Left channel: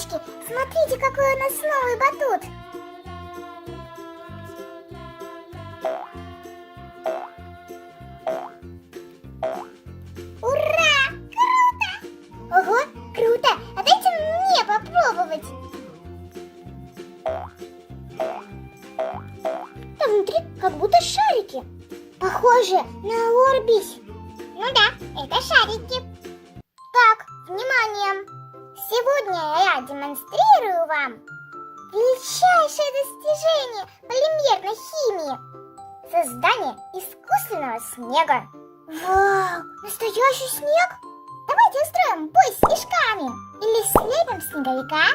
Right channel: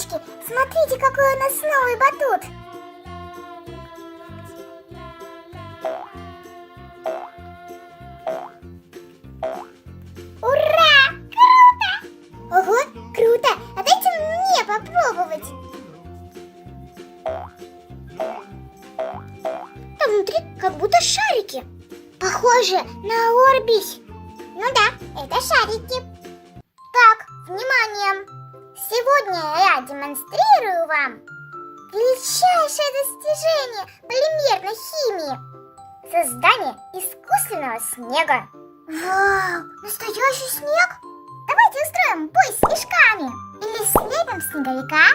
девочки, смотрите, какой у нас новый батут. Ура! Круто! Ого, круто! А дайте мне попробовать. Там внутри как будто шарики. Похоже на Орбис. Ну да, это шарики. Так, внимание! Сегодня я демонстрирую вам величайшее достижение полимерной химии. Создание искусственного снега. Вау, настоящий снег? Давайте устроим бой с снежками. Или слепим снеговика.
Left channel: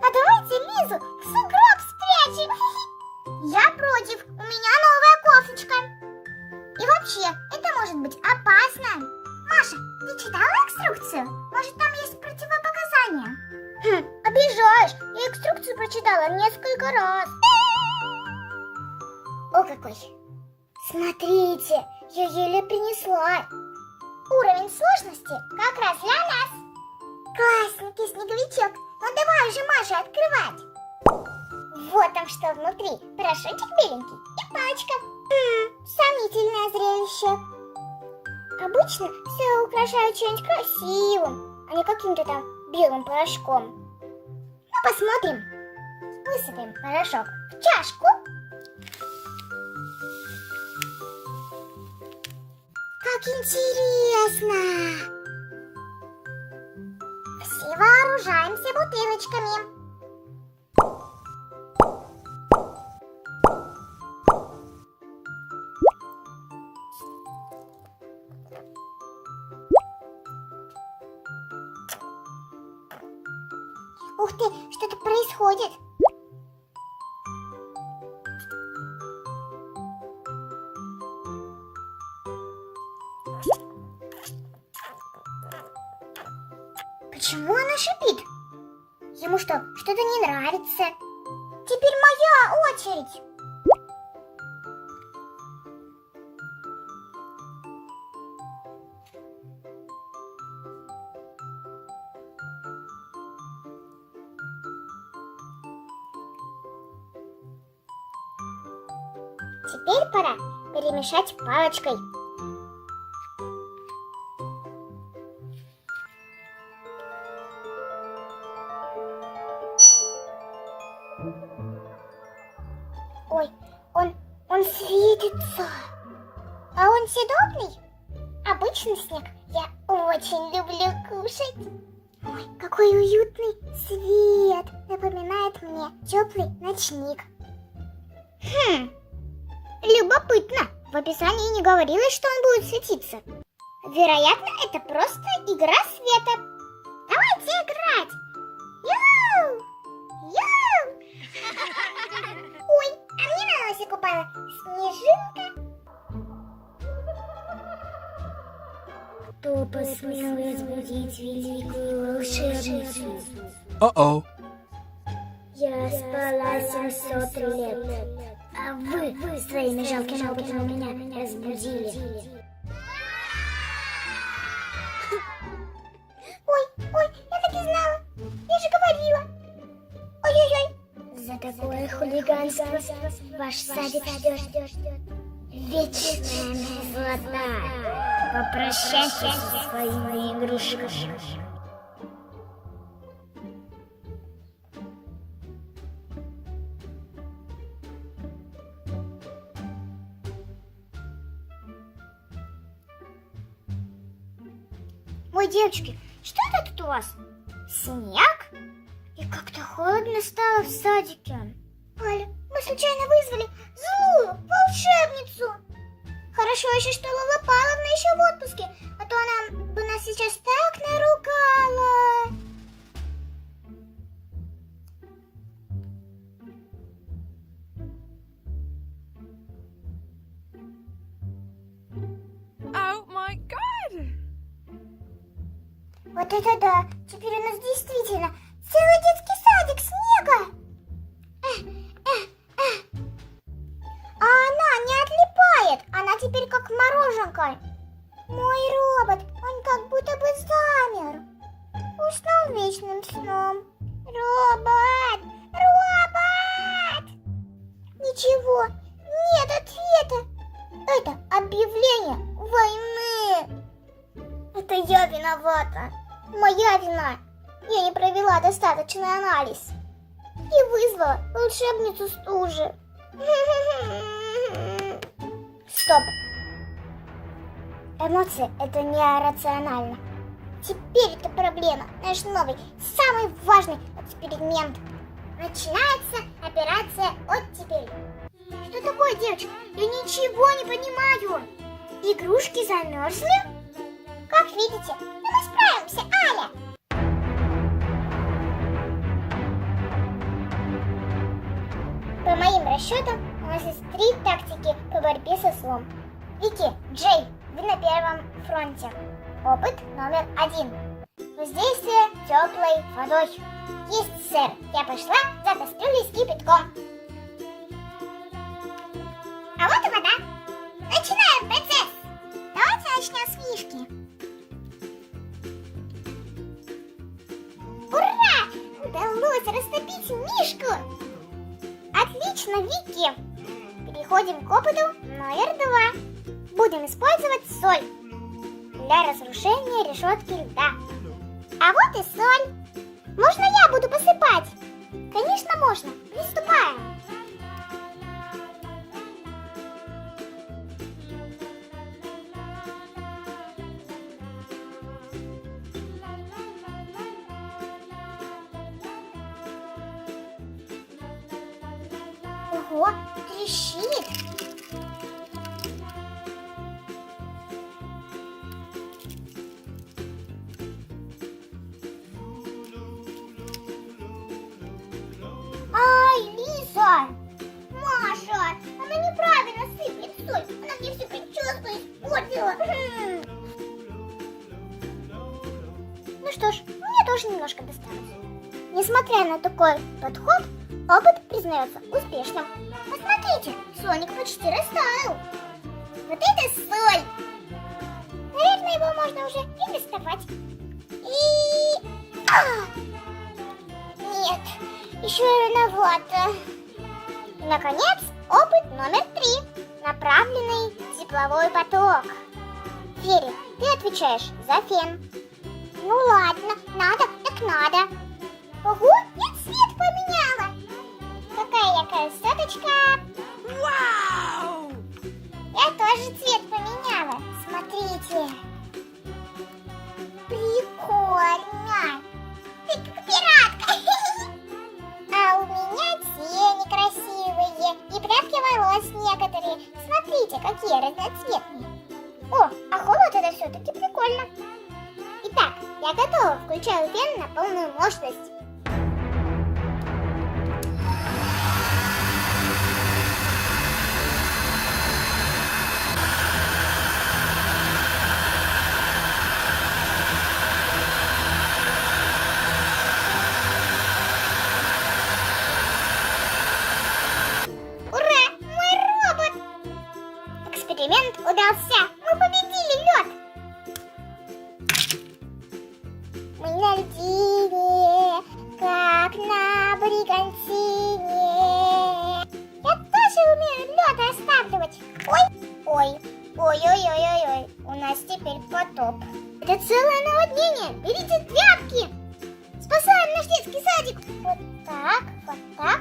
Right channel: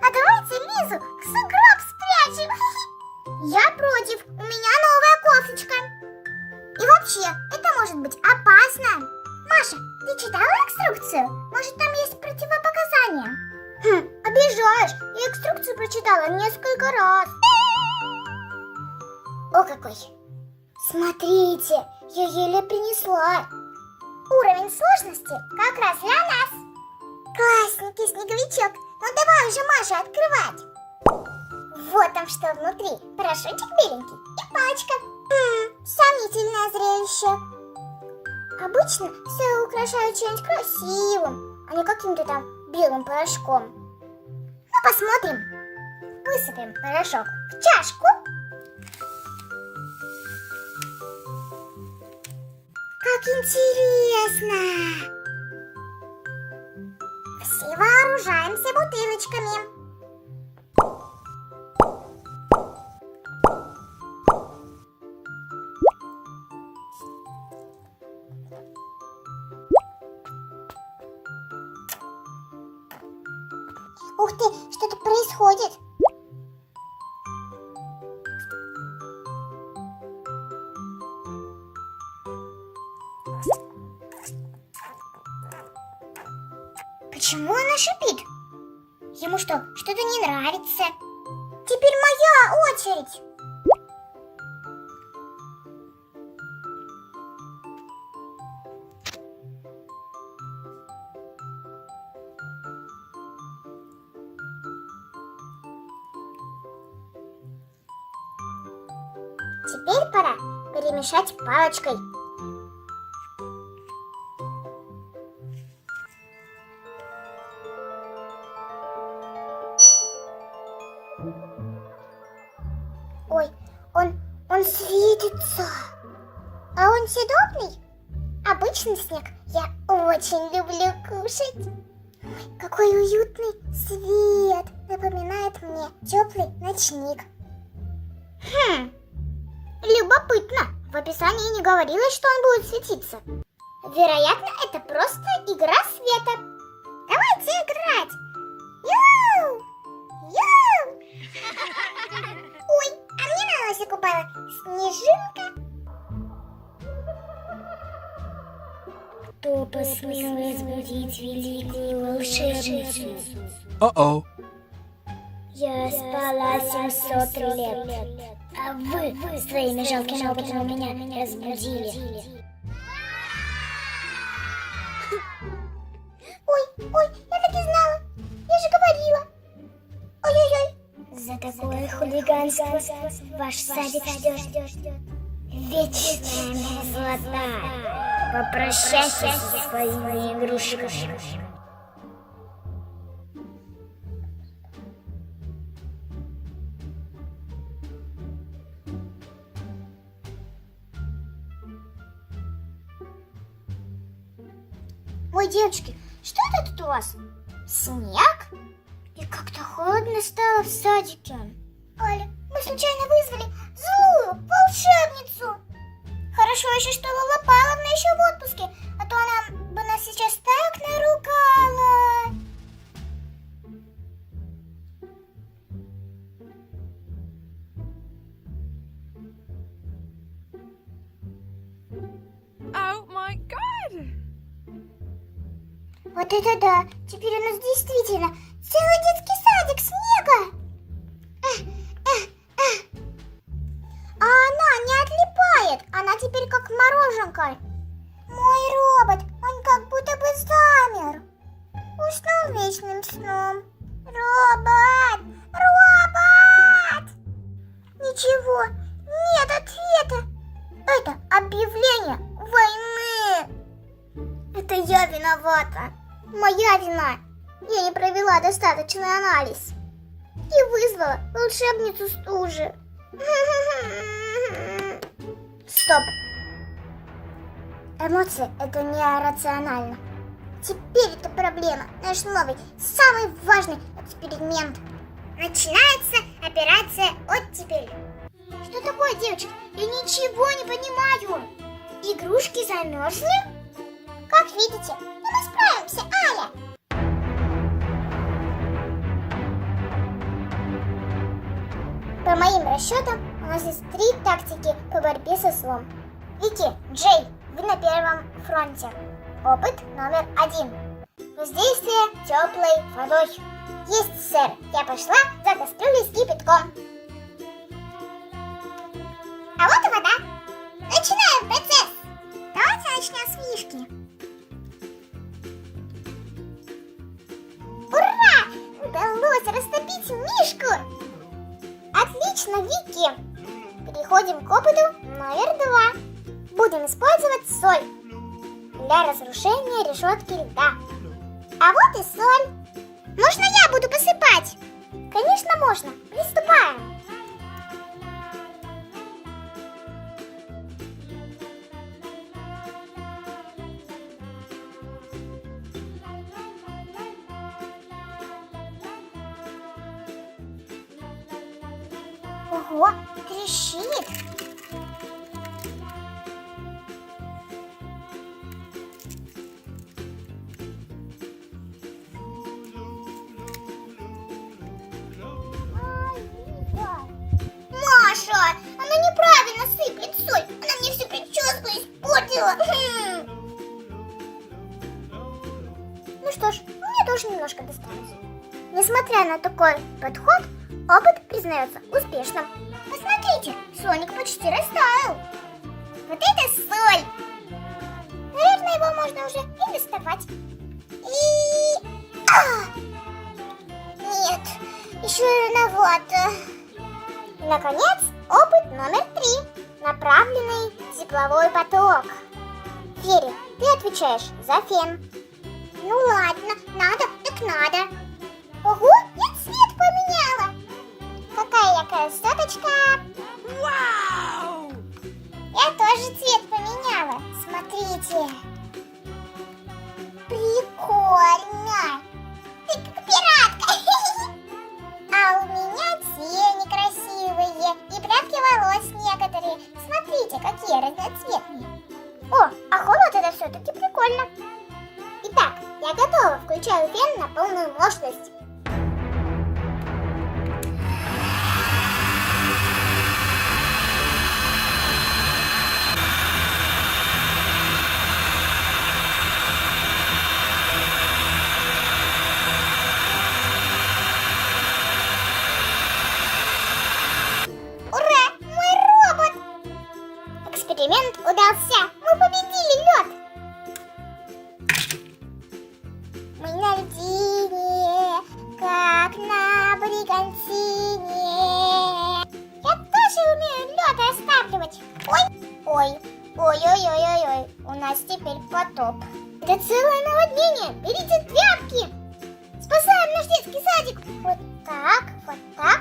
А давайте Лизу в сугроб спрячем. Я против, у меня новая кофточка. И вообще, это может быть опасно. Маша, ты читала инструкцию? Может, там есть противопоказания? Обижаешь, я инструкцию прочитала несколько раз. О, какой! Смотрите, я еле принесла. Уровень сложности как раз для нас. Классненький снеговичок. Ну давай уже, Маша, открывать. Вот там что внутри. Парашютик беленький и пачка. Сомнительное зрелище. Обычно все украшают чем-нибудь красивым, а не каким-то там белым порошком. Ну, посмотрим. Высыпем порошок в чашку. Как интересно! Все вооружаемся бутылочками. Ух ты, что-то происходит. Почему она шипит? Ему что, что-то не нравится? Теперь моя очередь. Теперь пора перемешать палочкой. Ой, он светится. А он съедобный? Обычный снег я очень люблю кушать. Ой, какой уютный свет. Напоминает мне теплый ночник. Любопытно. В описании не говорилось, что он будет светиться. Вероятно, это просто игра света. Давайте играть. Ю! Ю! Ой, а мне на носик упала снежинка. Кто посмел разбудить великую волшебницу? Uh-oh. Я спала 700 лет. А вы своими жалкими опытами меня разбудили. Ой, я так и знала. Я же говорила. Ой-ой-ой. За такое хулиганство ваш садик ждет вечная мерзлота. Попрощайся со своими игрушками. Ой, девочки, что это тут у вас? Снег? И как-то холодно стало в садике. Аля, мы случайно вызвали злую волшебницу. Хорошо еще, что Лола Павловна еще в отпуске, а то она бы нас сейчас так наругала. Oh my god! Вот это да! Теперь у нас действительно целый детский садик снега! А она не отлипает! Она теперь как мороженка! Мой робот, он как будто бы замер! Уснул вечным сном. моя вина. Я не провела достаточный анализ и вызвала волшебницу стужи. Стоп. Эмоции — это нерационально. Теперь это проблема. Наш новый, самый важный эксперимент. Начинается операция «Оттепель». Что такое, девочка? Я ничего не понимаю. Игрушки замерзли? Как видите, мы справимся, Аля. По моим расчетам, у нас есть 3 тактики по борьбе со злом. Вики, Джей, вы на первом фронте. Опыт номер 1. Воздействие теплой водой. Есть, сэр. Я пошла за кастрюлей с кипятком. А вот и вода. Начинаем процесс. Давайте начнем с Мишки. Ура! Удалось растопить Мишку. Отлично, Вики. Переходим к опыту номер 2. Будем использовать соль для разрушения решетки льда. А вот и соль. Можно я буду посыпать? Конечно, можно. Приступаем. Ого, трещит. Ай, Лиза! Маша, она неправильно сыплет соль. Она мне всю прическу испортила. Ну что ж, мне тоже немножко досталось. Несмотря на такой подход, опыт признается успешным. Посмотрите, Соник почти растаял. Вот это соль! Наверное, его можно уже и доставать. Нет, еще рановато. Наконец, опыт номер 3. Направленный тепловой поток. Фери, ты отвечаешь за фен. Ну ладно, надо, так надо. Ого, я цвет поменяла. Какая я красоточка. Wow! Я тоже цвет поменяла. Смотрите. Прикольно. Ты как пиратка. А у меня тени красивые. И прядки волос некоторые. Смотрите, какие разноцветные. О, а холод это все-таки прикольно. Итак, я готова. Включаю фен на полную мощность. Ура! Мой робот! Эксперимент удался! Мы победили лед! Мы на льдине, как на бригантине. Я тоже умею лед растапливать. Ой, ой-ой-ой-ой-ой. У нас теперь потоп. Это целое наводнение. Берите тряпки. Спасаем наш детский садик. Вот так, вот так.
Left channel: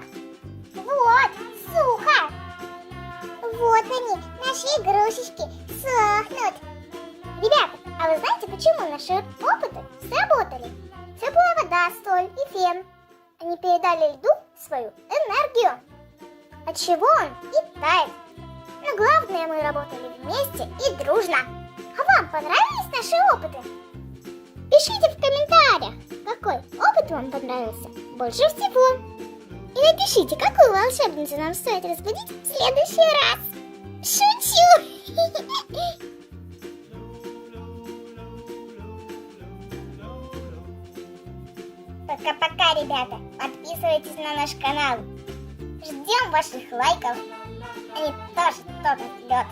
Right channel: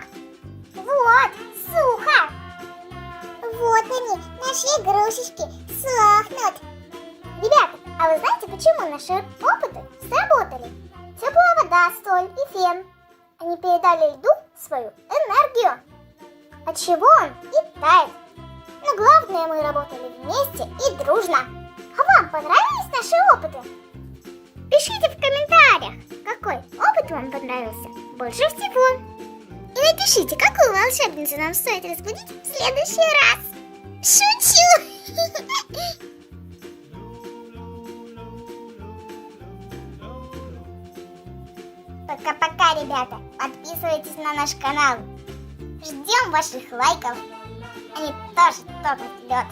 Вот, сухо. Вот они, наши игрушечки, сохнут. Ребята, а вы знаете, почему наши опыты сработали? Теплая вода, соль и фен. Они передали льду свою энергию, от чего он и тает. Но главное, мы работали вместе и дружно. А вам понравились наши опыты? Пишите в комментариях, какой опыт вам понравился больше всего. И напишите, какую волшебницу нам стоит разбудить в следующий раз. Шучу! Пока-пока, ребята. Подписывайтесь на наш канал. Ждем ваших лайков. Они тоже топят лед.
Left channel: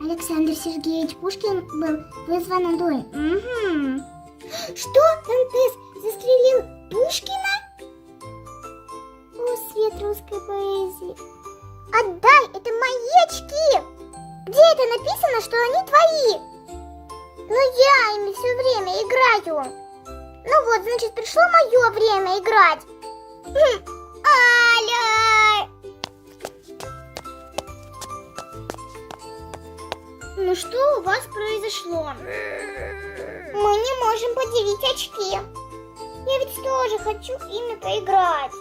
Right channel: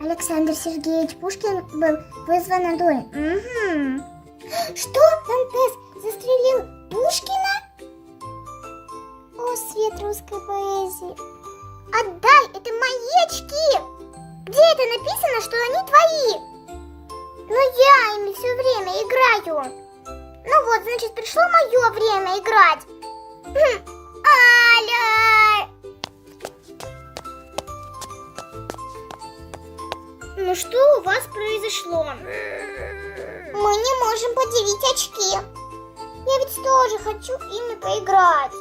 Александр Сергеевич Пушкин был вызван на дуэль. Угу. Что? Дантес застрелил Пушкина? О, свет русской поэзии. Отдай, это мои очки. Где это написано, что они твои? Но я ими все время играю. Аля! Ну что у вас произошло? Мы не можем поделить очки. Я ведь тоже хочу ими поиграть.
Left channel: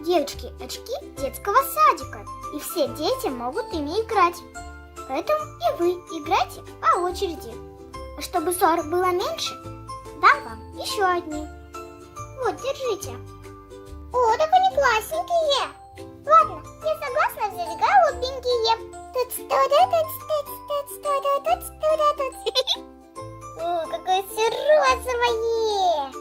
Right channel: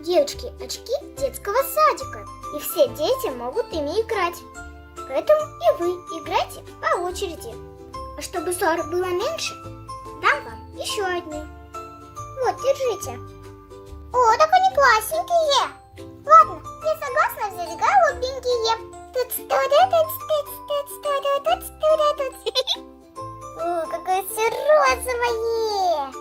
Девочки, очки детского садика. И все дети могут ими играть. Поэтому и вы играйте по очереди. А чтобы ссор было меньше, дам вам еще одни. Вот, держите. О, так они классненькие. Ладно, я согласна взять голубенькие. О, какое все розовое.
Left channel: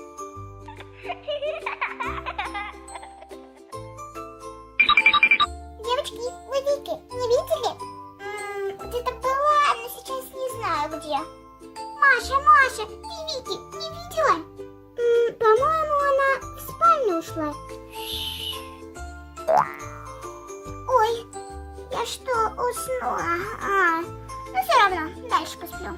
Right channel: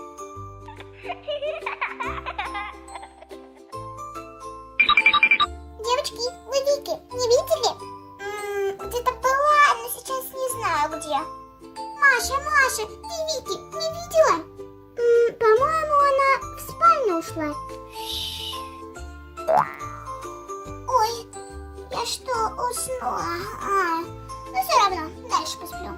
Девочки, вы Вики не видели? Где-то была, но сейчас не знаю где. Маша, ты Вики не видела? По-моему, она в спальню ушла. Ой, я что, уснула? Ну все равно, дальше посплю.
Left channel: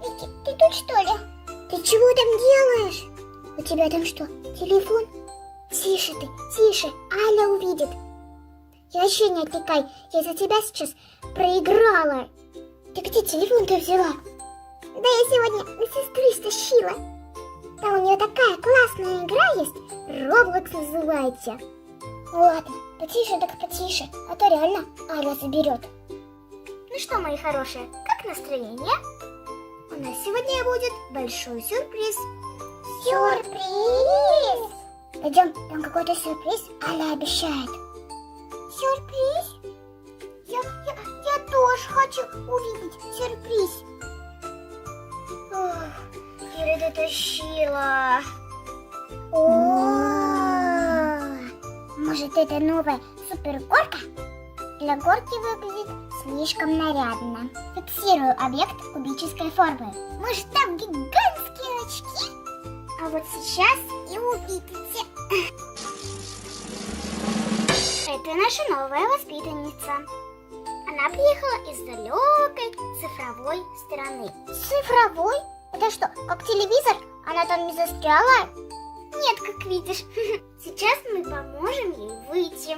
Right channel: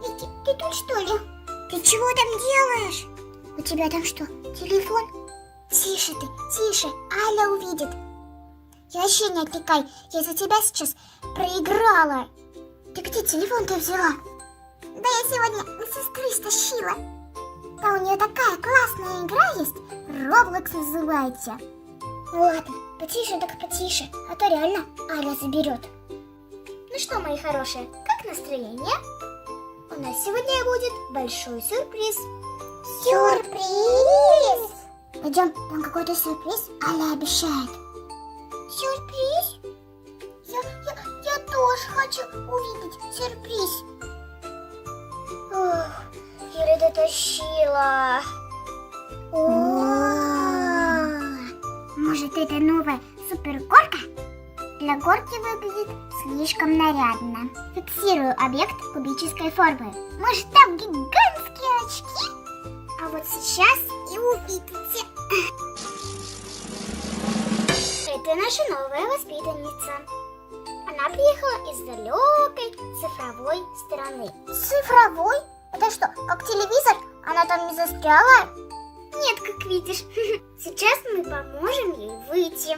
Вики, ты тут что ли? Ты чего там делаешь? У тебя там что, телефон? Тише ты, тише, Аля увидит. Я вообще не отвлекай, я за тебя сейчас проиграла. Ты где телефон-то взяла? Да я сегодня у сестры стащила. Там у нее такая классная игра есть, Roblox называется. Ну ладно, потише так потише, а то реально Аля заберет. Ну что, мои хорошие, как настроение? У нас сегодня будет большой сюрприз. Сюрприз? Пойдем, там какой-то сюрприз Аля обещает. Сюрприз? Я тоже хочу увидеть сюрприз. Ох, Кира дотащила. Может, это новая супергорка? Для горки выглядит слишком нарядно. Фиксирую объект кубической формы. Может, там гигантские очки? А вот сейчас и увидите. Это наша новая воспитанница. Она приехала из далекой цифровой страны. Цифровой? Это что, как телевизор? Она там не застряла? Нет, как видишь. Сейчас мы поможем ей выйти.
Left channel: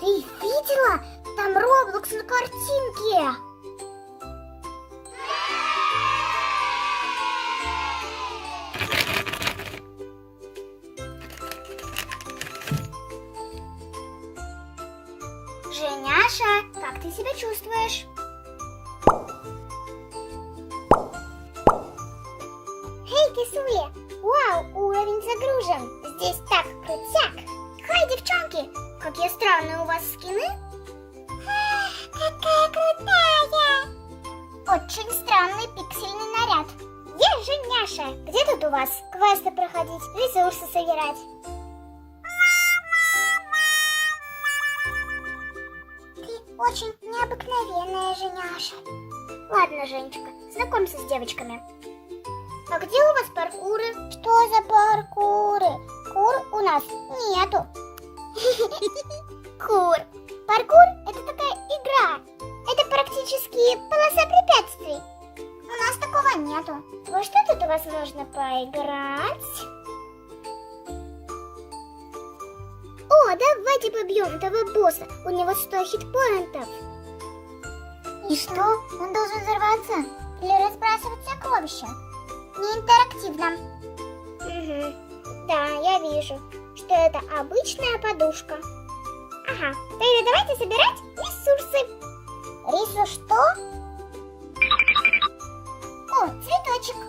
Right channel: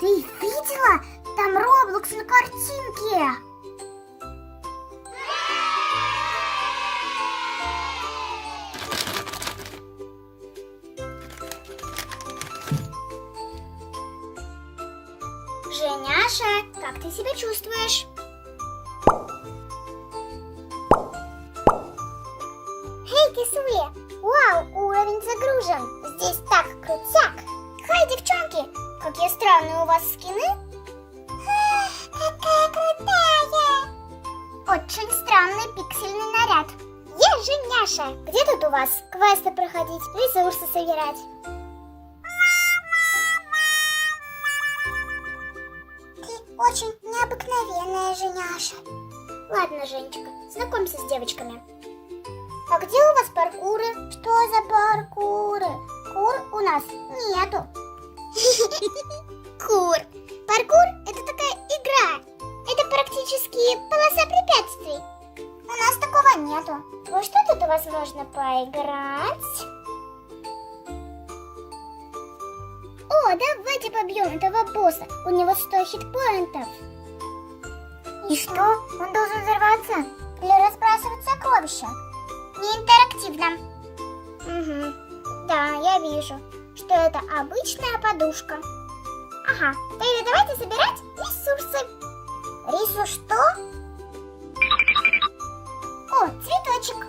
Ты видела? Там Roblox на картинке. Женяша, как ты себя чувствуешь? Эй, кисуля! Вау, уровень загружен! Здесь так крутяк! Хай, девчонки! Какие странные у вас скины! Какая крутая! Очень странный пиксельный наряд. Я Женяша! Где тут у вас квесты проходить, ресурсы собирать? Очень необыкновенная Женяша. Ладно, Женечка, знакомься с девочками. А где у вас паркуры? Что за паркуры? Кур у нас нету. Кур. Паркур — это такая игра. Это практически полоса препятствий. У нас такого нету. Во что тут у вас можно поиграть? О, давайте побьем этого босса. У него 100 хитпоинтов. И что? Он должен взорваться? Или разбрасывать сокровища? Не интерактивно. Угу. Да, я вижу, что это обычная подушка. Ага, тогда давайте собирать ресурсы. Ресурс что? О, цветочек.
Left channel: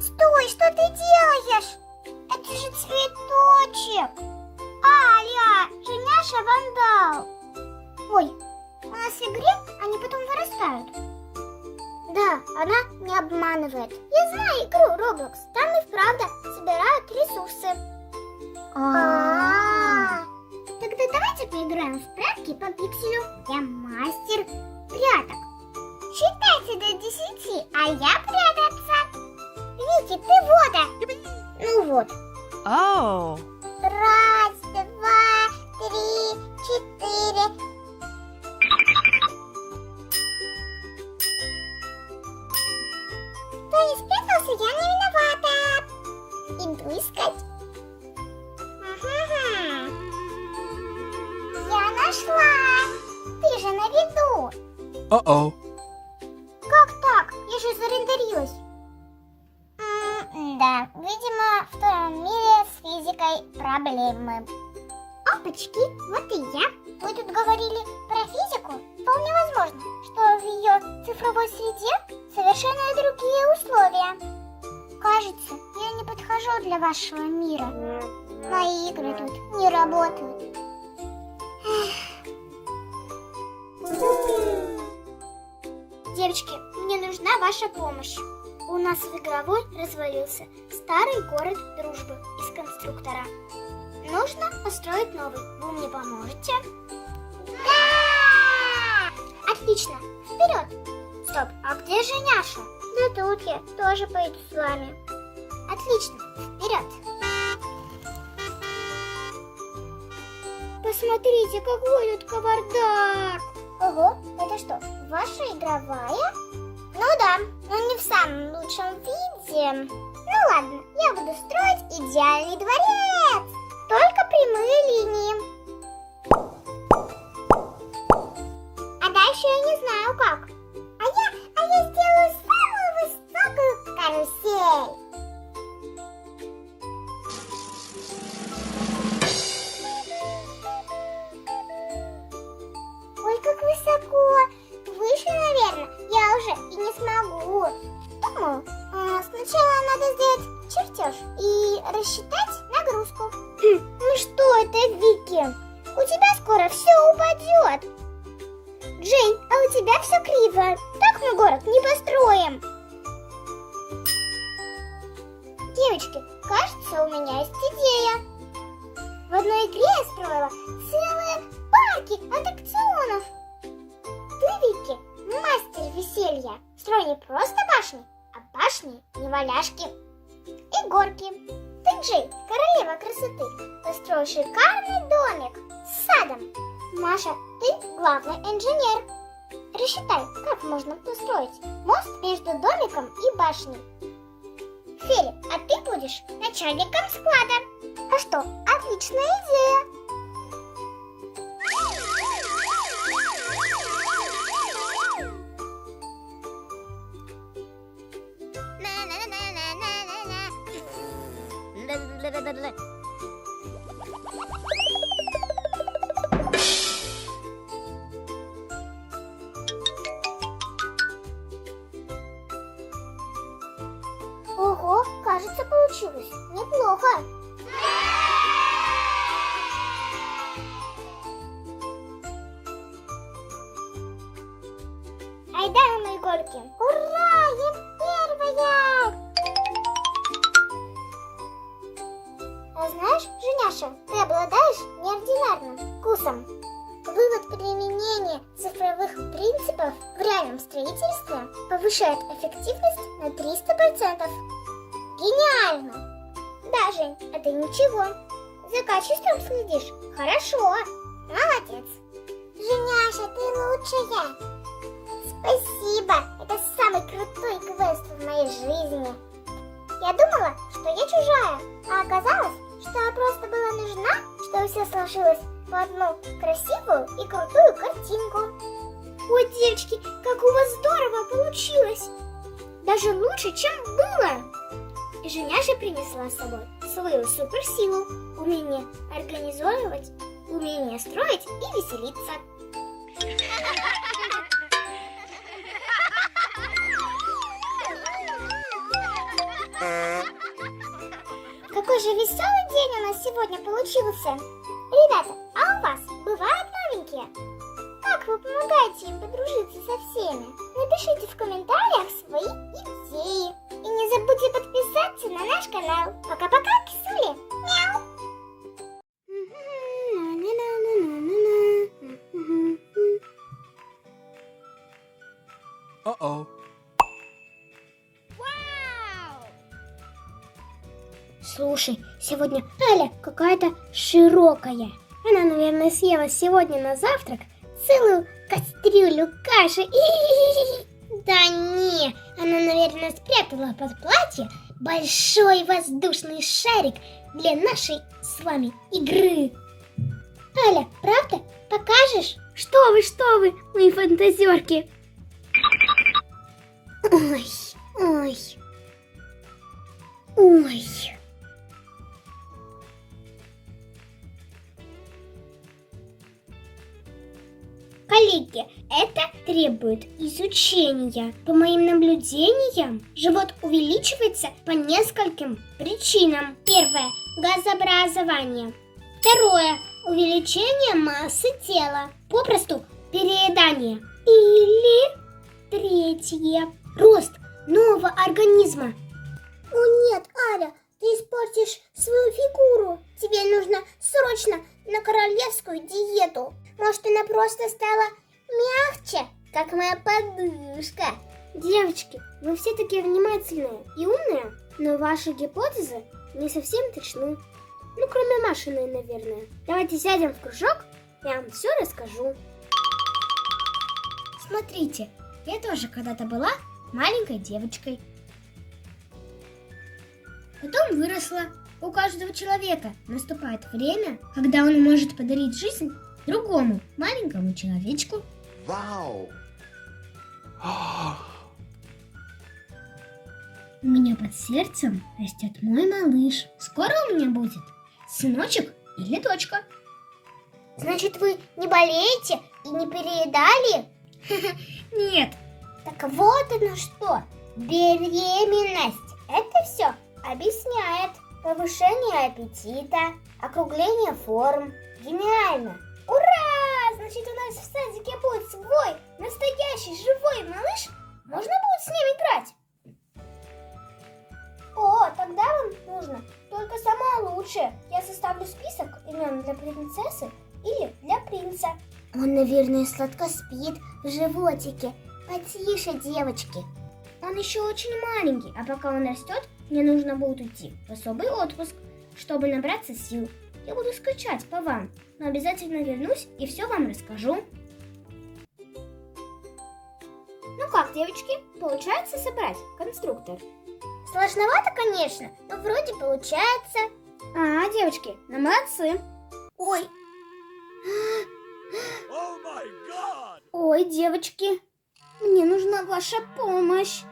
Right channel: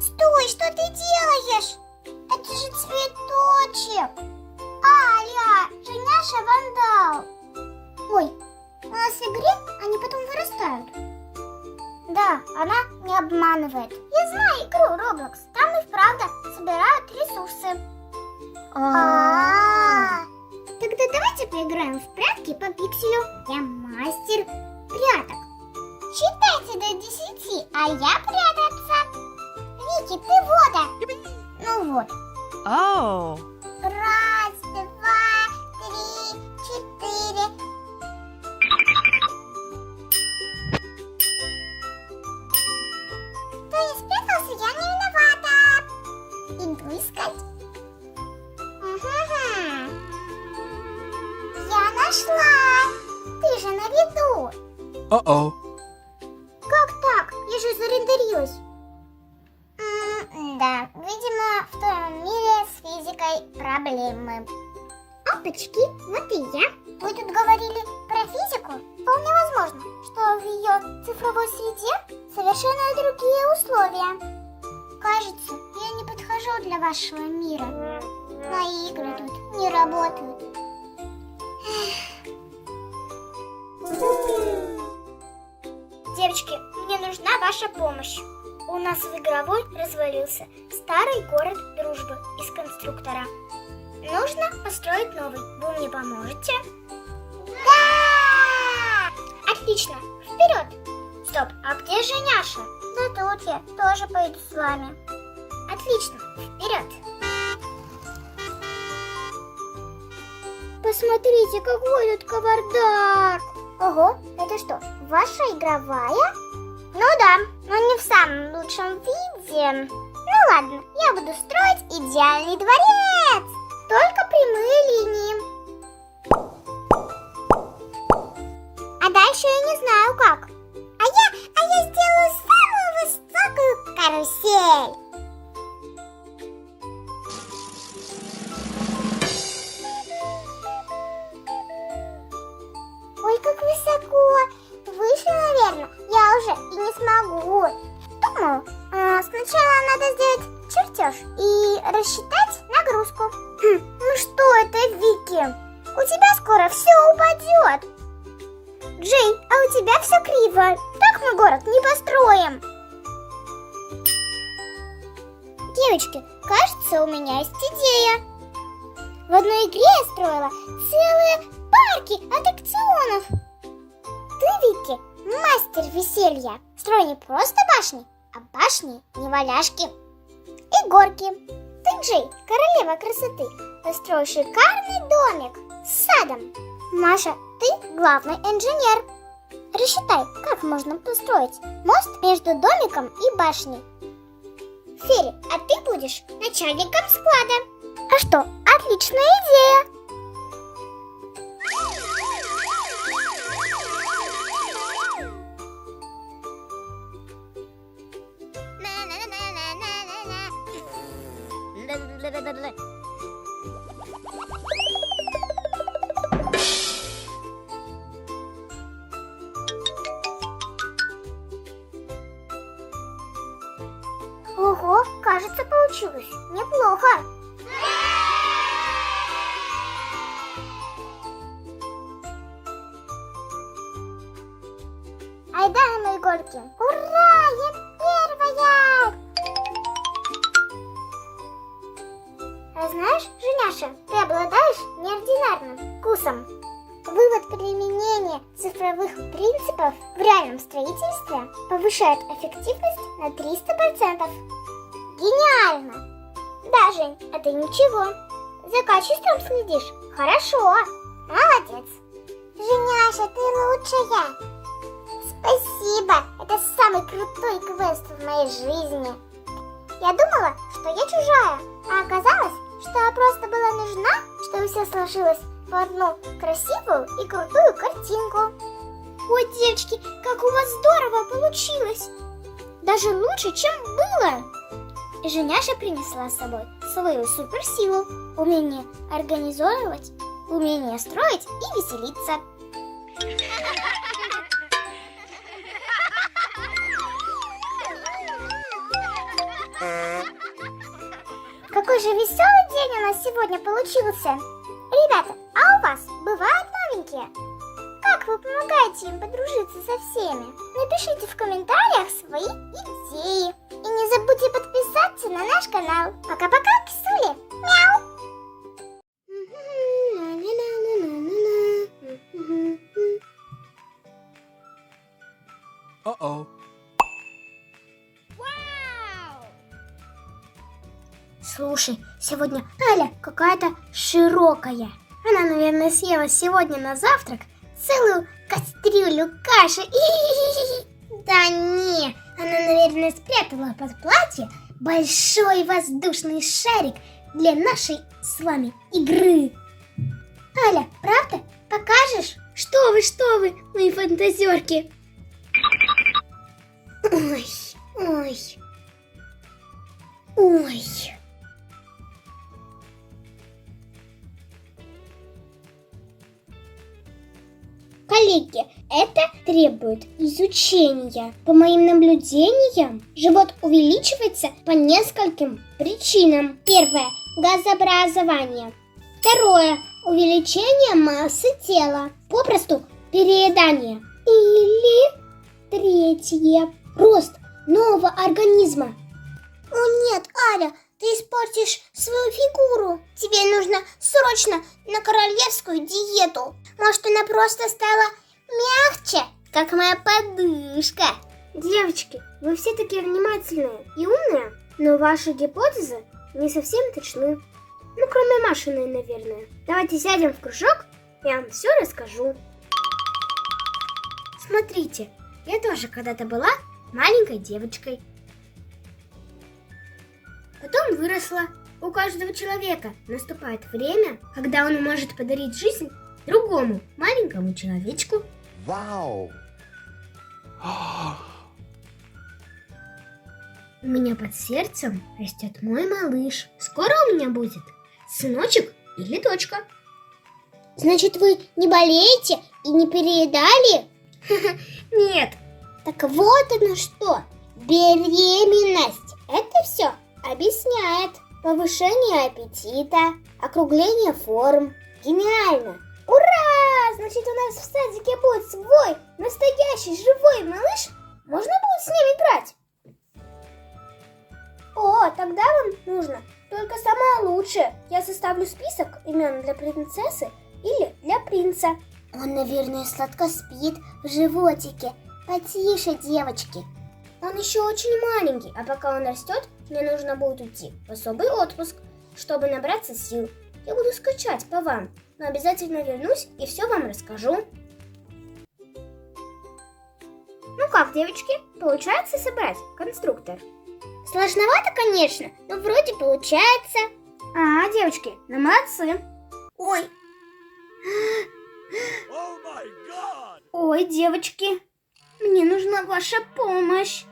Стой, что ты делаешь? Это же цветочек. Аля, Женяша вандал. Ой, у нас в игре они потом вырастают. Да, она не обманывает. Я знаю игру Roblox. Там и вправду собирают ресурсы. Тогда давайте поиграем в прятки по пикселю. Я мастер пряток. Считайте до 10, а я прятаться. Вики, ты вода. Ну вот. Oh. Раз, два, нашла! Ты же на виду! Uh-oh. Как так? Я же зарендерилась. Да, видимо, в том мире с физикой проблемы. Опачки, вот и я. Вы тут говорили про физику? Вполне возможно, что в ее цифровой среде совершенно другие условия. Кажется, я не подхожу для вашего мира. Мои игры тут не работают. Девочки, мне нужна ваша помощь. У нас в игровой развалился старый город дружбы из конструктора. Нужно построить новый. Вы мне поможете? Да! Отлично, вперед! Стоп, а где же Няша? Да тут я, тоже пойду с вами. Отлично, вперед! Посмотрите, какой тут кавардак! Ого, это что, ваша игровая? Ну да, но не в самом лучшем виде. Ну ладно, я буду строить идеальный дворец. Только прямые линии. А дальше я не знаю как. А я сделаю самую высокую карусель. Ой, как высоко. Выше, наверное, я уже и не смогу. Думаю, сначала надо сделать чертеж и рассчитать нагрузку. Ну что это, Вики? У тебя скоро все упадет. Джейн, а у тебя все криво. Так мы город не построим. Девочки, кажется, у меня есть идея. В одной игре я строила целые парки аттракционов. Ты, Вики, мастер веселья. Строй не просто башни, а башни неваляшки. И горки. Ты, Джей, королева красоты. Построй шикарный домик с садом. Маша, ты главный инженер. Рассчитай, как можно построить мост между домиком и башней. Фери, а ты будешь начальником склада. А что, отличная идея. Ого, кажется, получилось неплохо. Айда на мои горки. Ура, я первая! А знаешь, Женяша, ты обладаешь неординарным вкусом. Вывод применения цифровых принципов в реальном строительстве повышает эффективность на 300%. Гениально! Да, Жень, это ничего. За качеством следишь? Хорошо. Молодец. Женяша, ты лучшая. Спасибо. Это самый крутой квест в моей жизни. Я думала, что я чужая, а оказалось, что я просто была нужна, чтобы все сложилось в одну красивую и крутую картинку. Ой, девочки, как у вас здорово получилось! Даже лучше, чем было! И Женяша принесла с собой свою суперсилу, умение организовывать, умение строить и веселиться. Какой же веселый день у нас сегодня получился! Ребята, а у вас бывают новенькие? Как вы помогаете им подружиться со всеми? Напишите в комментариях свои идеи. И не забудьте подписаться на наш канал. Пока-пока, кисули! Мяу! Uh-oh. Слушай, сегодня Аля какая-то широкая. Она, наверное, съела сегодня на завтрак целую кастрюлю каши. Да не, она, наверное, спрятала под платье большой воздушный шарик для нашей с вами игры. Аля, правда? покажешь? Что вы, мои фантазерки. Ой, ой, ой. Коллеги, это требует изучения. По моим наблюдениям, живот увеличивается по нескольким причинам. Первое – газообразование. Второе – увеличение массы тела. Попросту переедание. Или третье – рост нового организма. О нет, Аля, ты испортишь свою фигуру. Тебе нужно срочно на королевскую диету. Может, она просто стала мягче, как моя подушка. Девочки, вы все такие внимательные и умные, но ваши гипотезы не совсем точны. Ну, кроме Машиной, наверное. Давайте сядем в кружок, я вам все расскажу. Смотрите, я тоже когда-то была маленькой девочкой. Потом выросла. У каждого человека наступает время, когда он может подарить жизнь другому маленькому человечку. Wow. У меня под сердцем растет мой малыш. Скоро у меня будет сыночек или дочка. Значит, вы не болеете и не переедали? Нет. Так вот оно что. Беременность. Это все объясняет. Повышение аппетита, округление форм. Гениально. Ура! Значит, у нас в садике будет свой настоящий живой малыш. Можно будет с ним играть? О, тогда вам нужно только самое лучшее. Я составлю список имен для принцессы или для принца. Он, наверное, сладко спит в животике. Потише, девочки. Он еще очень маленький, а пока он растет, мне нужно будет уйти в особый отпуск, чтобы набраться сил. Я буду скучать по вам, но обязательно вернусь и все вам расскажу. Ну как, девочки, получается собрать конструктор? Сложновато, конечно, но вроде получается. Девочки, ну молодцы. Ой, Oh my God! Ой, девочки, мне нужна ваша помощь.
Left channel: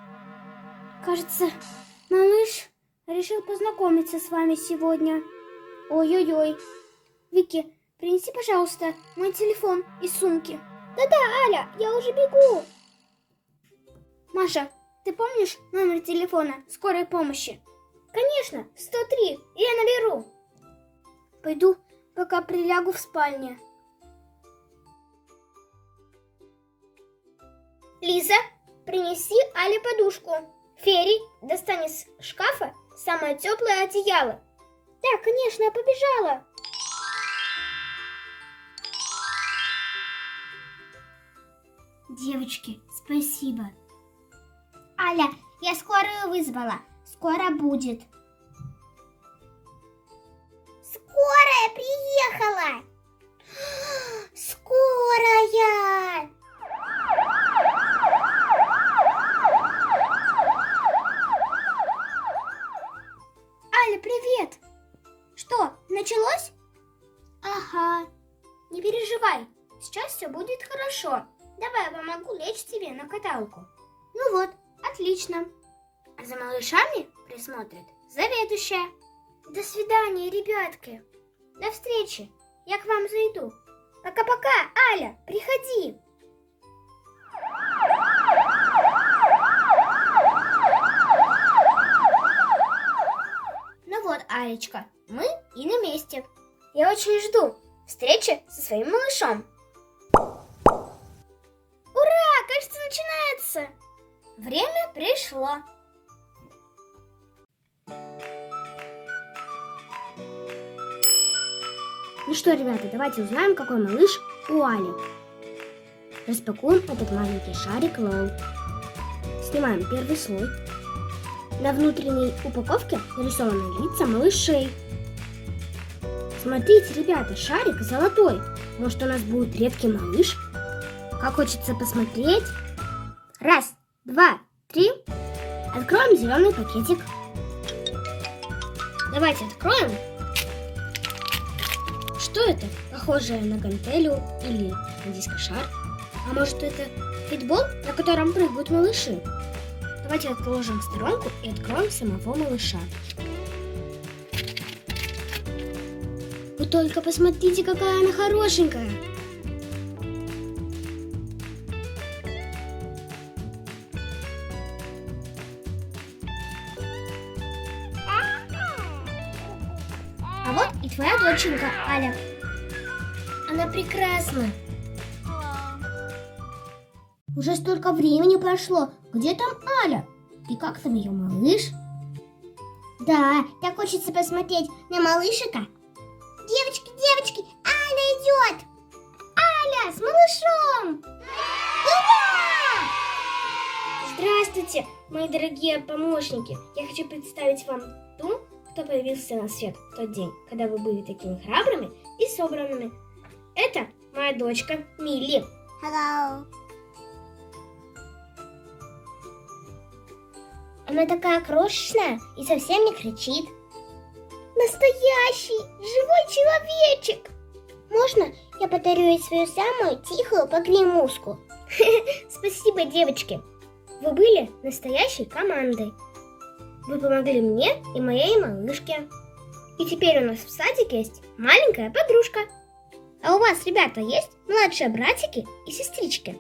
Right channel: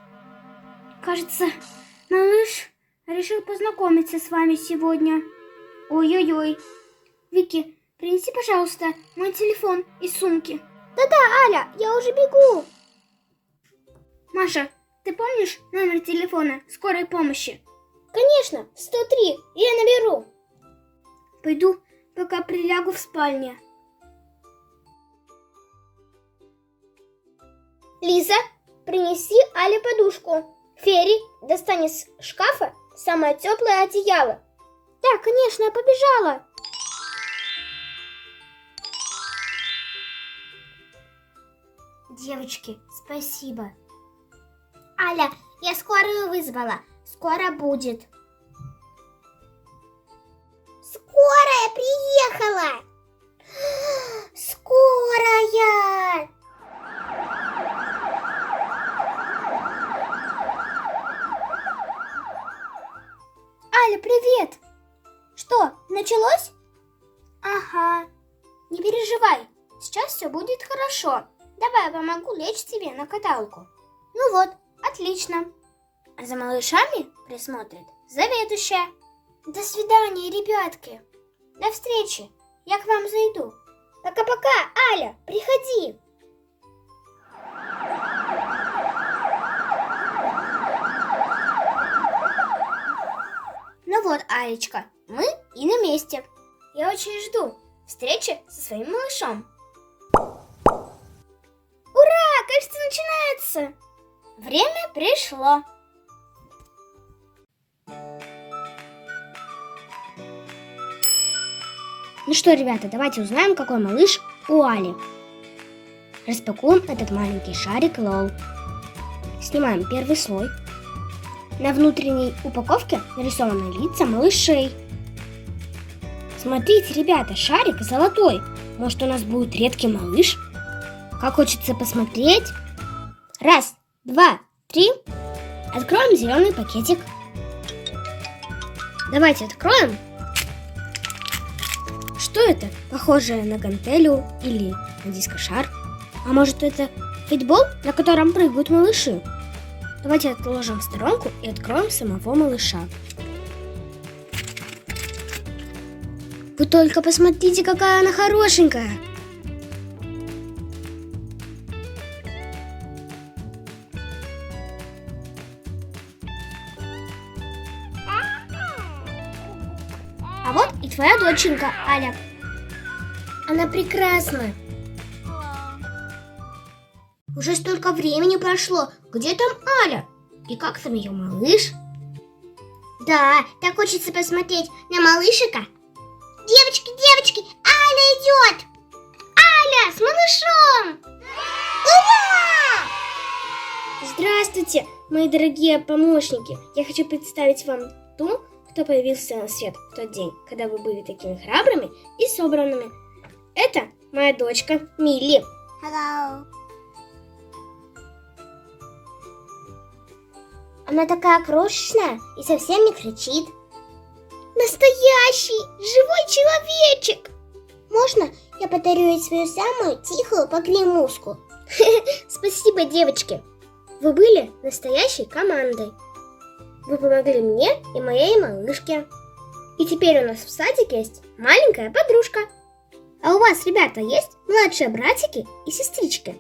Кажется, малыш решил познакомиться с вами сегодня. Ой-ой-ой. Вики, принеси, пожалуйста, мой телефон из сумки. да-да, Аля, я уже бегу. Маша, ты помнишь номер телефона скорой помощи? Конечно, 103, я наберу. Пойду, пока прилягу в спальне. Лиза, принеси Але подушку. Ферри, достань из шкафа самое теплое одеяло. Да, конечно, я побежала. Девочки, спасибо. Аля, я скорую вызвала. Скоро будет. Скорая приехала. Скорая. Аля, привет. Что, началось? Ага. Не переживай. Сейчас все будет хорошо. Давай я помогу лечь тебе на каталку. Ну вот, отлично. А за малышами присмотрит заведующая. До свидания, ребятки. До встречи. Я к вам зайду. Пока-пока, Аля, приходи. Ну вот, Алечка, мы и на месте. Я очень жду встречи со своим малышом. Ура, кажется, начинается. Время пришло. Ну что, ребята, давайте узнаем, какой малыш у Али. Распакуем этот маленький шарик Лол. Снимаем первый слой. На внутренней упаковке нарисованы лица малышей. Смотрите, ребята, шарик золотой. Может, у нас будет редкий малыш? Как хочется посмотреть. Раз, два, три. Откроем зеленый пакетик. Давайте откроем. Что это? Похожее на гантелю или на дискошар? А может, это фитбол, на котором прыгают малыши? Давайте отложим в сторонку и откроем самого малыша. Вы только посмотрите, какая она хорошенькая! А вот и твоя доченька, Аля. Она прекрасна. Уже столько времени прошло. Где там Аля? И как там ее малыш? Да, так хочется посмотреть на малышика. Девочки, девочки, Аля идет! Аля с малышом! Ура! Здравствуйте, мои дорогие помощники. Я хочу представить вам ту, кто появился на свет в тот день, когда вы были такими храбрыми и собранными. Это моя дочка Милли. Hello. Она такая крошечная и совсем не кричит. Настоящий живой человечек. Можно я подарю ей свою самую тихую погремушку? Спасибо, девочки. Вы были настоящей командой. Вы помогли мне и моей малышке. И теперь у нас в садике есть маленькая подружка. А у вас, ребята, есть младшие братики и сестрички?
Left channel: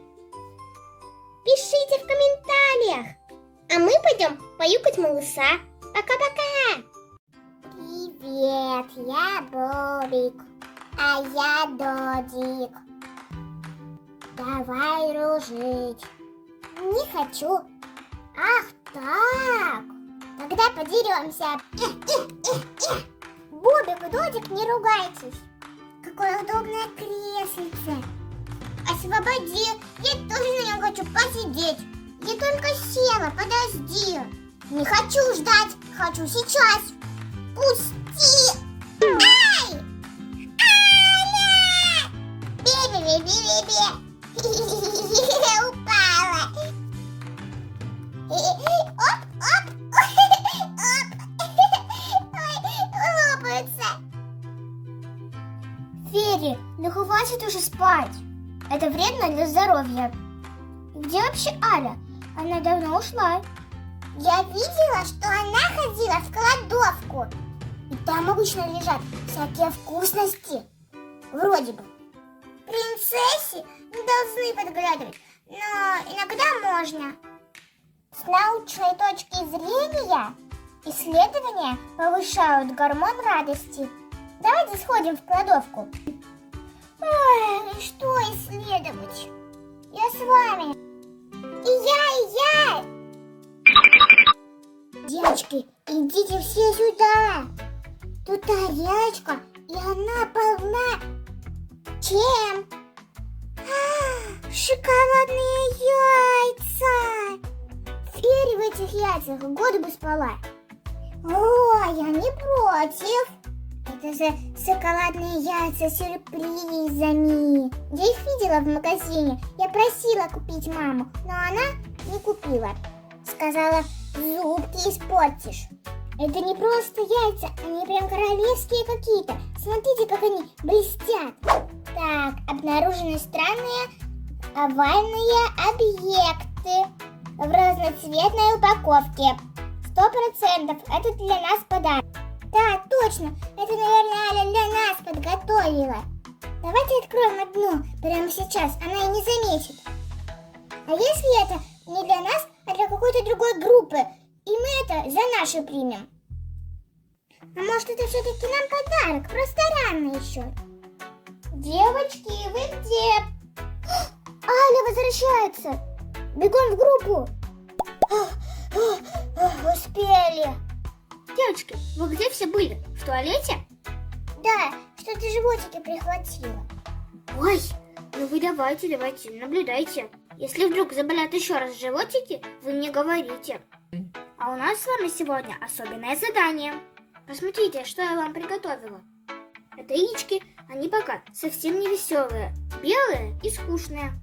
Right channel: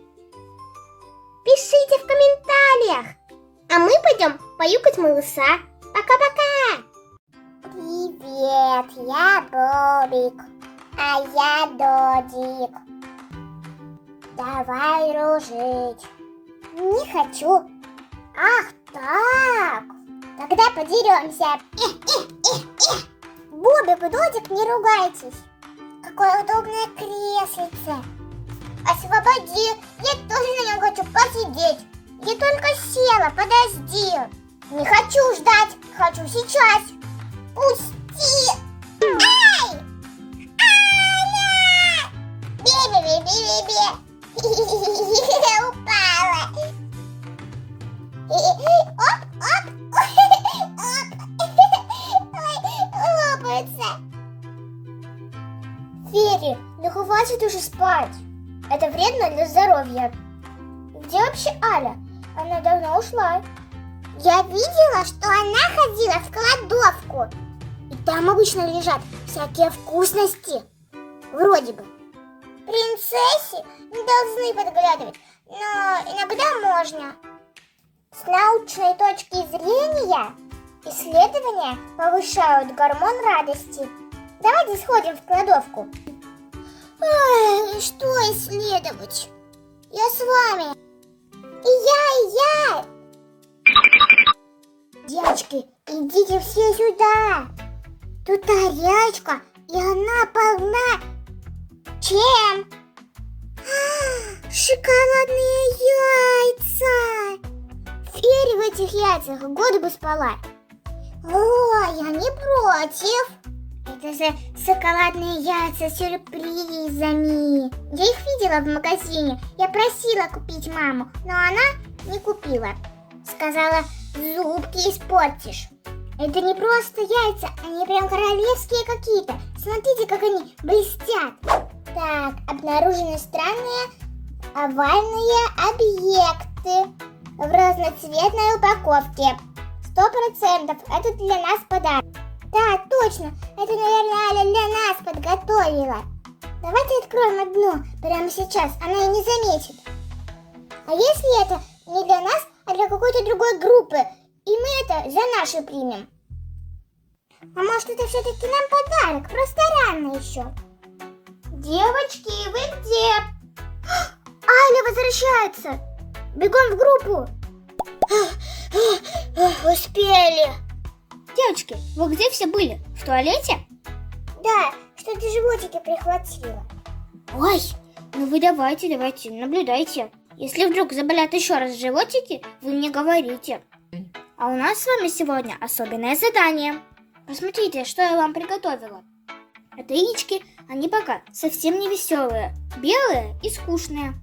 Пишите в комментариях. А мы пойдем поюкать малыша. Пока-пока. Привет, я Бобик, а я Додик. Давай дружить. Не хочу. Ах так. Тогда подеремся. Бобик и Додик, не ругайтесь. Какое удобное креслице. Освободи, я тоже на нем хочу посидеть. Я только села, подожди. Не хочу ждать, хочу сейчас. Пусти! Ай! Аля! Би-би-би-би-би-би! Упала! Оп-оп! Ой, лопается! Фери, ну хватит уже спать. Это вредно для здоровья. Где вообще Аля? Она давно ушла. Я видела, что она ходила в кладовку. И там обычно лежат всякие вкусности. Вроде бы. Принцессе не должны подглядывать, но иногда можно. С научной точки зрения исследования повышают гормон радости. Давайте сходим в кладовку. Ой, что исследовать? Я с вами. И я. Девочки, идите все сюда. Тут тарелочка, и она полна. Чем? Шоколадные яйца. Фери в этих яйцах годы бы спала. Ой, я не против. Это же шоколадные яйца с сюрпризами. Я их видела в магазине. Я просила купить маму, но она не купила. Сказала, зубки испортишь. Это не просто яйца, они прям королевские какие-то. Смотрите, как они блестят. Так, обнаружены странные овальные объекты в разноцветной упаковке. 100% это для нас подарок. Да, точно, это, наверное, Аля для нас подготовила. Давайте откроем одну прямо сейчас, она и не заметит. А если это не для нас, а для какой-то другой группы, и мы это за нашу примем? А может, это все-таки нам подарок, просто рано еще. Девочки, вы где? Аля возвращается. Бегом в группу. Успели. Девочки, вы где все были? В туалете? Да, что-то животики прихватило. Ой, ну вы давайте, наблюдайте. Если вдруг заболят еще раз животики, вы мне говорите. А у нас с вами сегодня особенное задание. Посмотрите, что я вам приготовила. Это яички, они пока совсем не веселые, белые и скучные.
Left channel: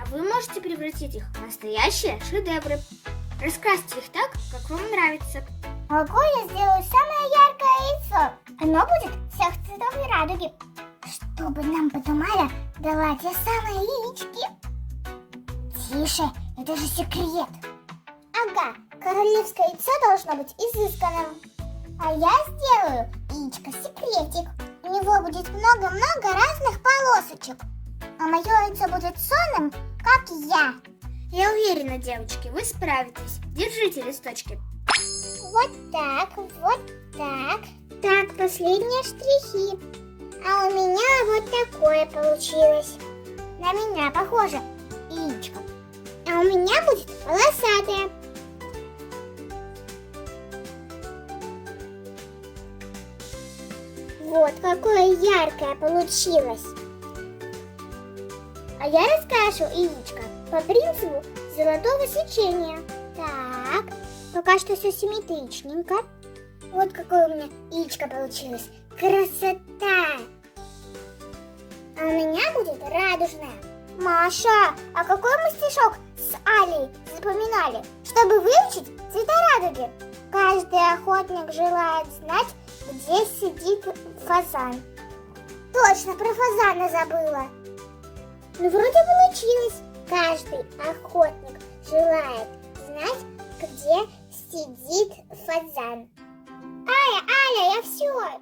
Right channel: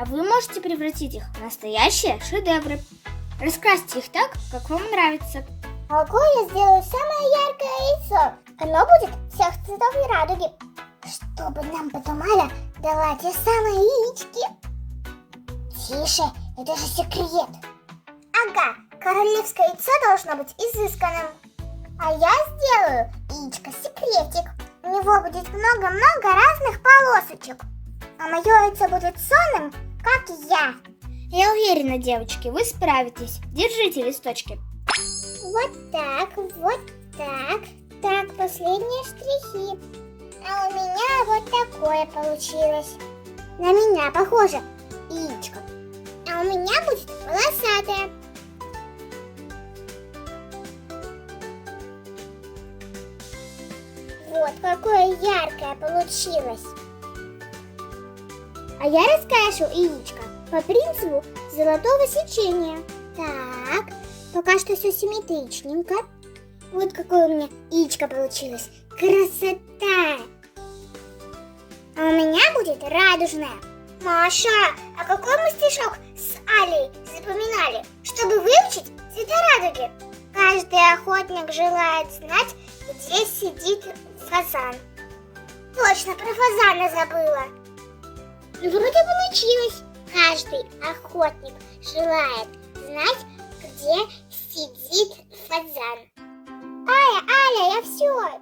А вы можете превратить их в настоящие шедевры. Раскрасьте их так, как вам нравится. Могу я сделаю самое яркое яйцо? Оно будет всех цветов и радуги. чтобы нам потом Аля дала те самые яички. Тише, это же секрет. Ага, королевское яйцо должно быть изысканным. А я сделаю яичко-секретик. У него будет много-много разных полосочек. А мое яйцо будет сонным, как я. Я уверена, девочки, вы справитесь. Держите листочки. Вот так, вот так. Так, последние штрихи. А у меня вот такое получилось. На меня похоже яичко. А у меня будет волосатое. Вот какое яркое получилось. А я раскрашу яичко по принципу золотого сечения. Так, пока что все симметричненько. Вот какое у меня яичко получилось. Красота! А у меня будет радужное. Маша, а какой мы стишок с Алей запоминали, чтобы выучить цвета радуги? Каждый охотник желает знать, где сидит фазан. Точно, про фазана забыла. Ну, вроде получилось. Каждый охотник желает знать, где сидит фазан. Аля, я все.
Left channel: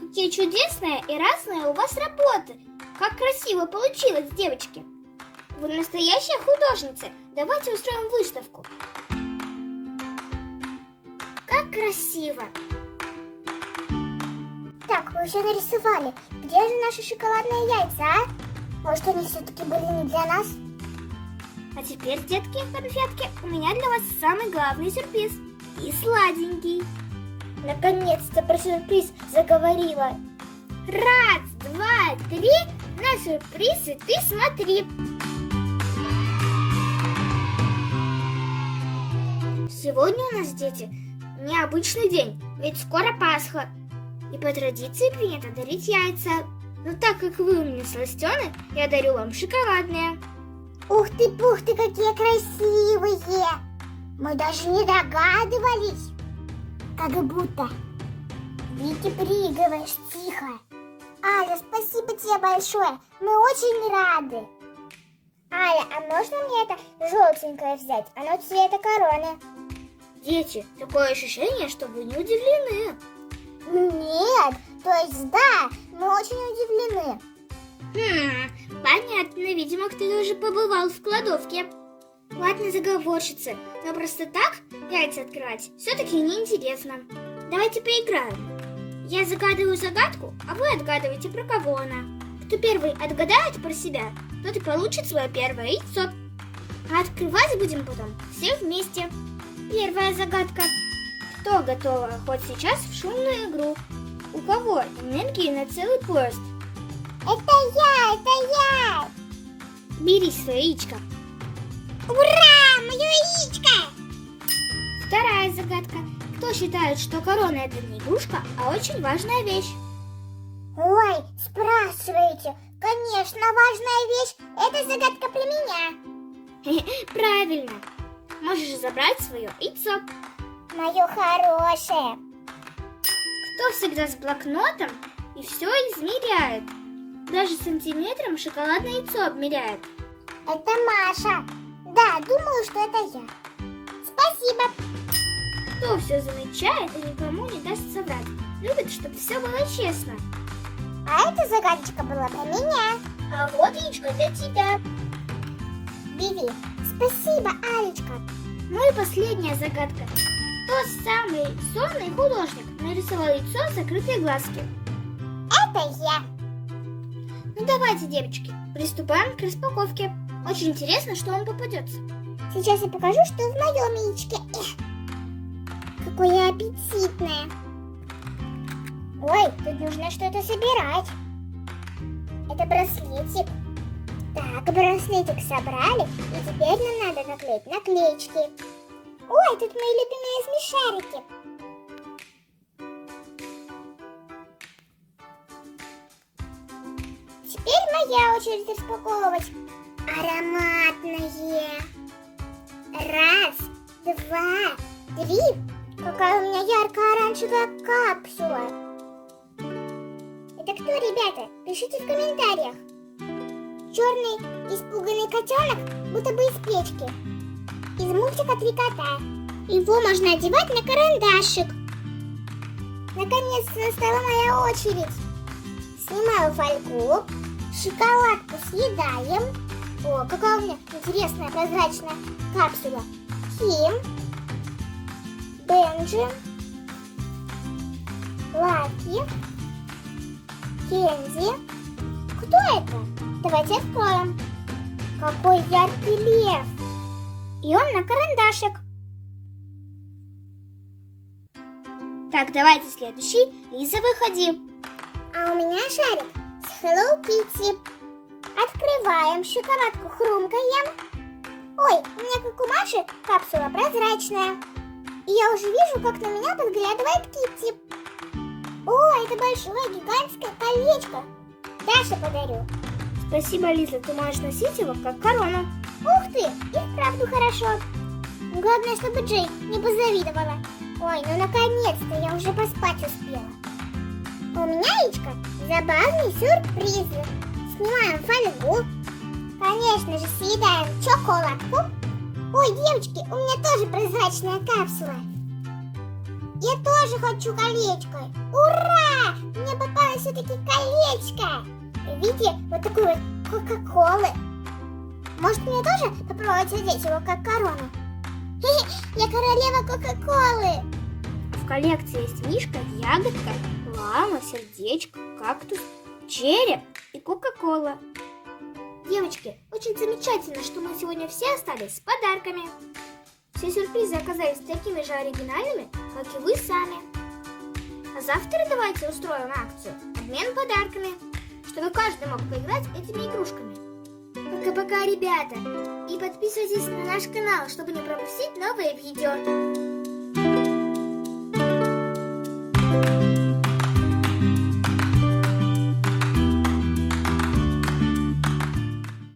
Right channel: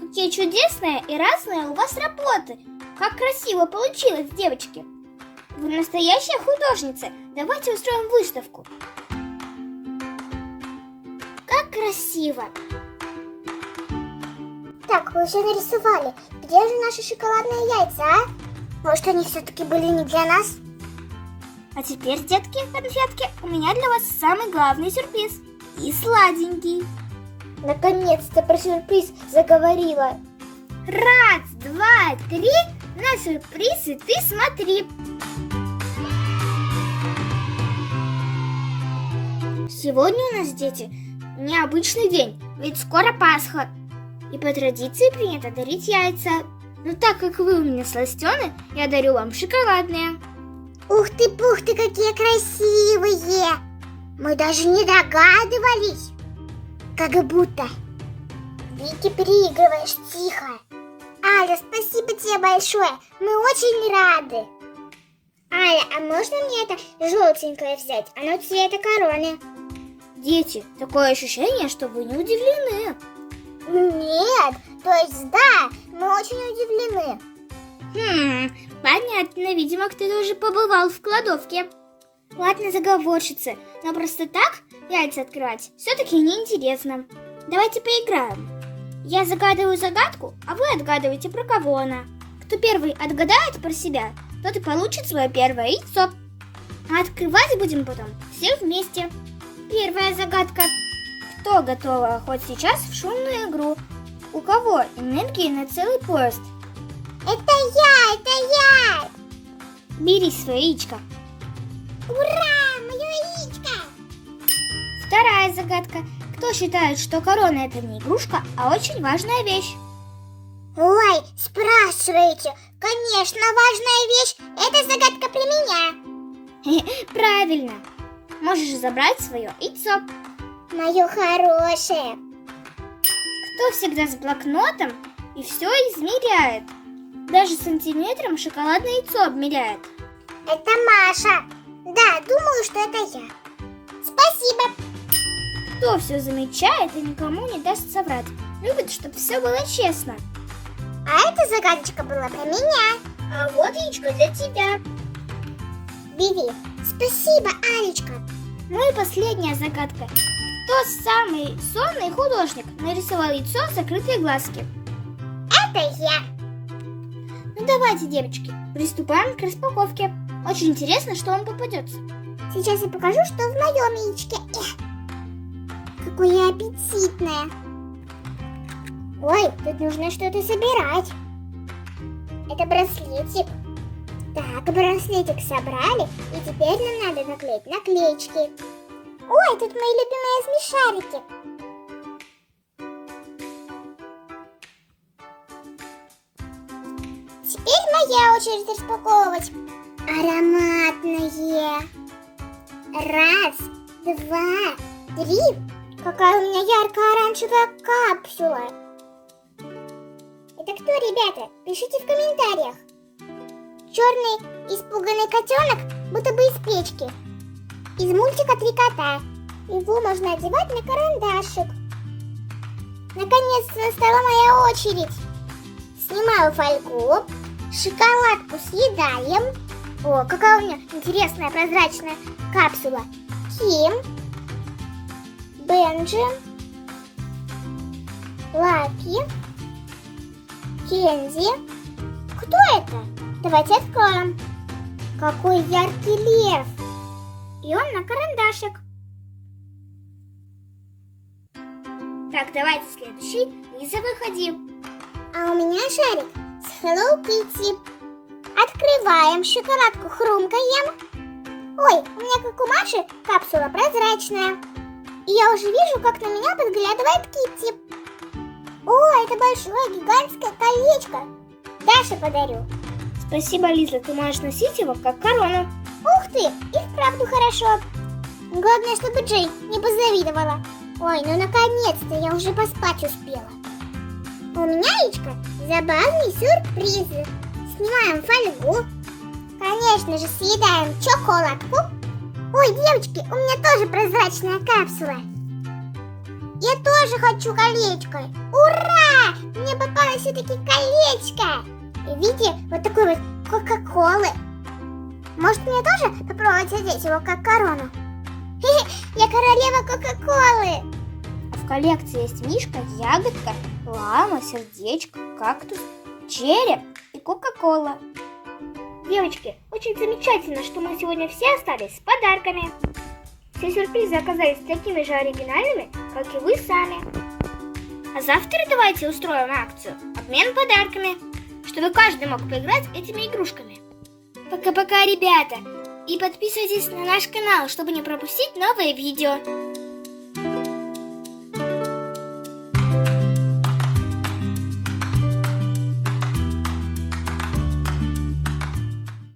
Какие чудесные и разные у вас работы. Как красиво получилось, девочки. Вы настоящая художница. Давайте устроим выставку. Как красиво. Так, вы все нарисовали. Где же наши шоколадные яйца, а? Может, они все-таки были не для нас? А теперь, детки, конфетки, у меня для вас самый главный сюрприз. И сладенький. Наконец-то про сюрприз заговорила. Раз, два, три. На сюрприз и ты смотри. Сегодня у нас, дети, необычный день, ведь скоро Пасха. И по традиции принято дарить яйца. Но так как вы у меня сластены, я дарю вам шоколадные. Ух ты, пух ты, какие красивые! Мы даже не догадывались. Как будто. Вики, переигрываешь, тихо. Аля, спасибо тебе большое. Мы очень рады. Аля, а можно мне это желтенькое взять? Оно цвета короны. Дети, такое ощущение, что вы не удивлены. Нет, то есть да, мы очень удивлены. Понятно, видимо, кто-то уже побывал в кладовке. Ладно, заговорщицы, но просто так яйца открывать все-таки неинтересно. Давайте поиграем. Я загадываю загадку, а вы отгадываете, про кого она. Кто первый отгадает про себя, тот и получит свое первое яйцо. А открывать будем потом все вместе. Первая загадка. Кто готова хоть сейчас в шумную игру? У кого энергии на целый поезд? Это я! Бери свое яичко. Ура, мое яичко! Вторая загадка. Кто считает, что корона это не игрушка, а очень важная вещь? Ой, спрашиваете. Конечно, важная вещь. Это загадка про меня. Правильно. Можешь забрать свое яйцо. Мое хорошее. Кто всегда с блокнотом и все измеряет? Даже сантиметром шоколадное яйцо обмеряет. Это Маша. Да, думаю, что это я. Спасибо. Кто все замечает и никому не даст соврать? Любит, чтобы все было честно. А эта загадочка была про меня. А вот яичко для тебя. Бери. Спасибо, Алечка. Ну и последняя загадка. Кто самый сонный художник нарисовал яйцо с закрытые глазки? Это я. Ну давайте, девочки, приступаем к распаковке. Очень интересно, что вам попадется. Сейчас я покажу, что в моем яичке. Какое аппетитное. Ой, тут нужно что-то собирать. Это браслетик. Так, браслетик собрали, и теперь нам надо наклеить наклеечки. Ой, тут мои любимые смешарики. Теперь моя очередь распаковывать. Ароматное. Раз, два, три. Какая у меня ярко-оранжевая капсула. Это кто, ребята? Пишите в комментариях. Черный испуганный котенок, будто бы из печки. Из мультика «Три кота». Его можно одевать на карандашик. Наконец-то настала моя очередь. Снимаю фольгу, шоколадку съедаем. О, какая у меня интересная прозрачная капсула. Ким, Бенджи, Лаки, Кензи. Кто это? Давайте откроем. Какой яркий лев. И он на карандашик. Так, давайте следующий. Лиза, выходи. А у меня шарик с Hello Kitty. Открываем, шоколадку хрумкаем. Ой, у меня как у Маши капсула прозрачная. И я уже вижу, как на меня подглядывает Китти. О, это большое гигантское колечко. Даше подарю. Спасибо, Лиза, ты можешь носить его как корону. Ух ты, и вправду хорошо. Главное, чтобы Джей не позавидовала. Ой, ну наконец-то я уже поспать успела. У меня, Ичка, забавные сюрпризы. Снимаем фольгу. Конечно же, съедаем шоколадку. Ой, девочки, у меня тоже прозрачная капсула. Я тоже хочу колечко. Ура! Мне попалось все-таки колечко. В виде вот такой вот кока-колы. Может, мне тоже попробовать одеть его как корону? Я королева кока-колы. В коллекции есть мишка, ягодка, лама, сердечко, кактус, череп и кока-кола. Девочки, очень замечательно, что мы сегодня все остались с подарками. Все сюрпризы оказались такими же оригинальными, как и вы сами. А завтра давайте устроим акцию «Обмен подарками», чтобы каждый мог поиграть этими игрушками. Пока-пока, ребята! И подписывайтесь на наш канал, чтобы не пропустить новые видео.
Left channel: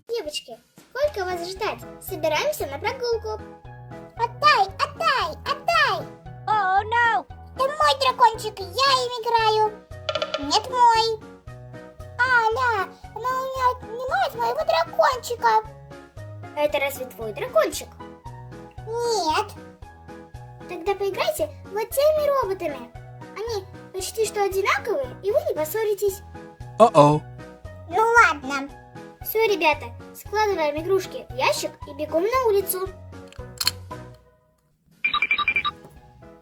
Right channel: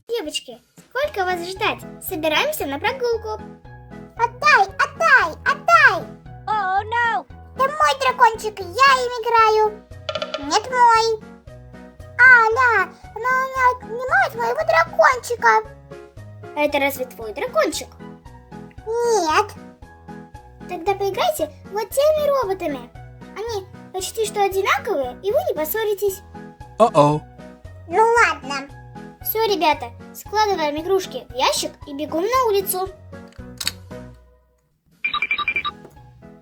Девочки, сколько вас ждать? Собираемся на прогулку. Отдай, отдай, отдай! Oh no! Это мой дракончик, я им играю. Нет, мой. Аля, она у меня отнимает моего дракончика. А это разве твой дракончик? Нет. Тогда поиграйте вот теми роботами. Они почти что одинаковые, и вы не поссоритесь. Uh-oh. Ну ладно. Все, ребята, складываем игрушки в ящик и бегом на улицу.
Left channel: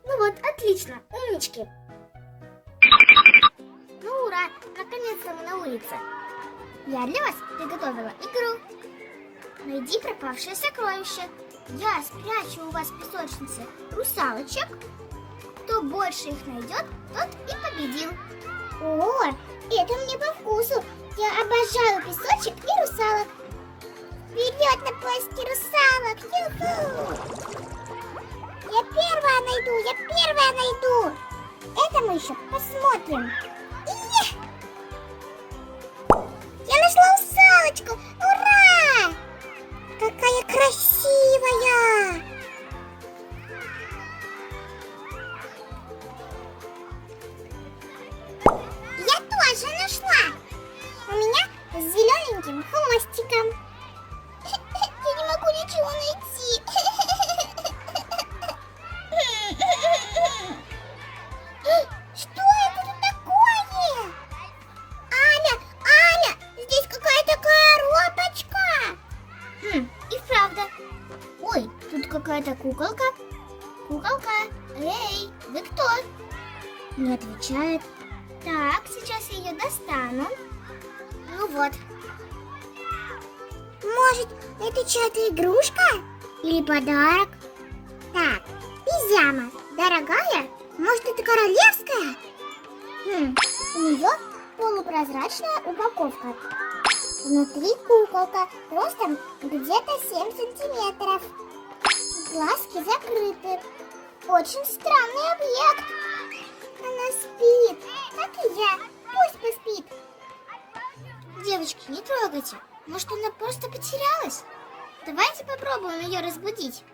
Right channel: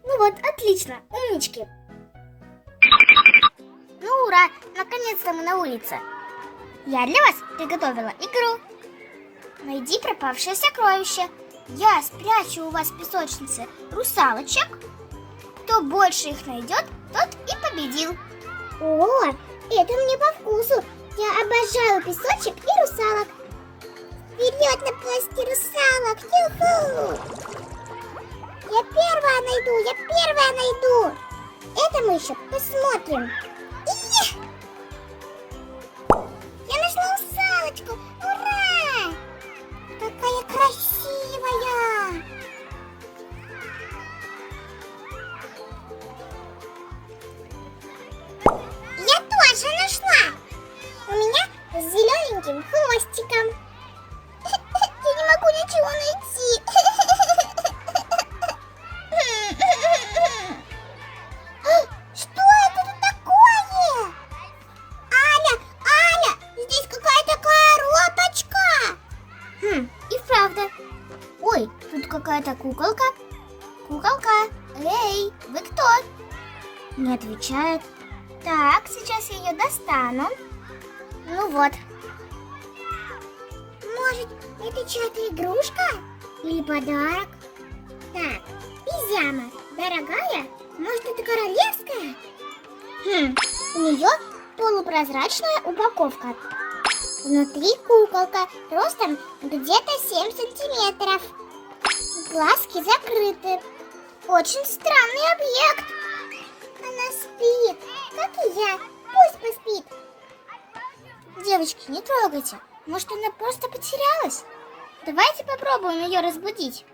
Ну вот, отлично, умнички. Ну ура, наконец-то мы на улице. Я для вас приготовила игру. Найди пропавшее сокровище. Я спрячу у вас в песочнице русалочек. Кто больше их найдет, тот и победил. О, это мне по вкусу. Я обожаю песочек и русалок. Вперед на поиски русалок. Юху! Я первая найду. Это мы еще посмотрим. Их! Я нашла русалочку. Ура! Какая красивая! Я тоже нашла. У меня с зелененьким хвостиком. Я не могу ничего найти. Что это тут такое? Аля, здесь какая-то коробочка. И правда. Ой, тут какая-то куколка. Куколка, эй, вы кто? Не отвечает. Так, сейчас я ее достану. Ну вот. Может, это чья-то игрушка? Или подарок? Так, пижама. Дорогая? Может, это королевская? У нее полупрозрачная упаковка. Внутри куколка ростом где-то 7 сантиметров. Глазки закрыты. Очень странный объект. Она спит, как и я. Пусть поспит. Девочки, не трогайте. Может, она просто потерялась? Давайте попробуем ее разбудить.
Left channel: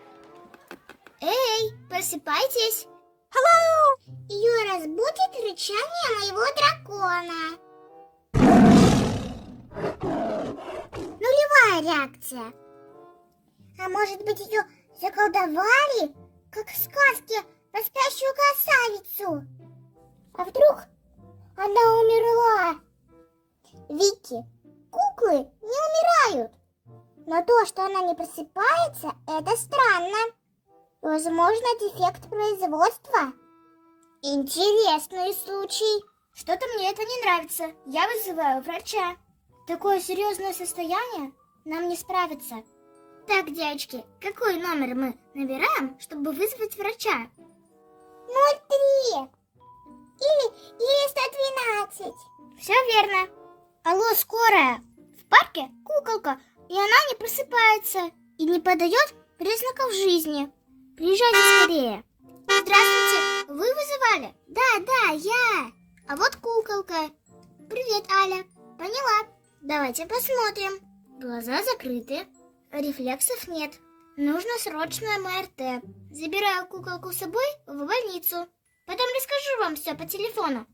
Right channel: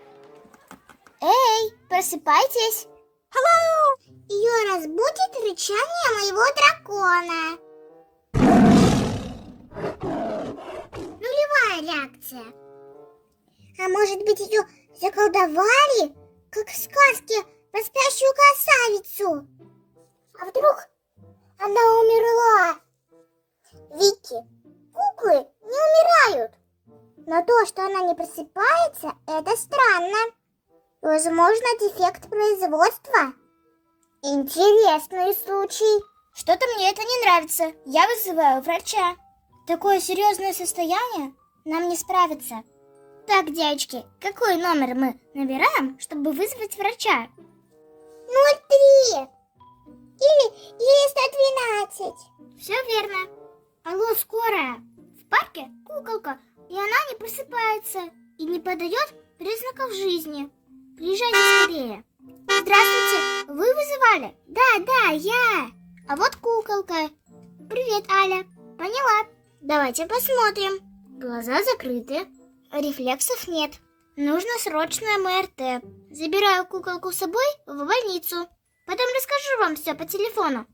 Эй, просыпайтесь. Hello! Ее разбудит рычание моего дракона. Нулевая реакция. А может быть, ее заколдовали, как в сказке про спящую красавицу? А вдруг она умерла? Вики, куклы не умирают. Но то, что она не просыпается, это странно. Возможно, дефект производства. Интересный случай. Что-то мне это не нравится. Я вызываю врача. Такое серьезное состояние нам не справится. Так, девочки, какой номер мы набираем, чтобы вызвать врача? 03. Или 112. Все верно. Алло, скорая. В парке куколка, и она не просыпается и не подает признаков жизни. Приезжайте скорее. Здравствуйте, вы вызывали? Да, я. А вот куколка. Привет, Аля. Поняла. Давайте посмотрим. Глаза закрыты. Рефлексов нет. Нужно срочное МРТ. Забираю куколку с собой в больницу. Потом расскажу вам все по телефону.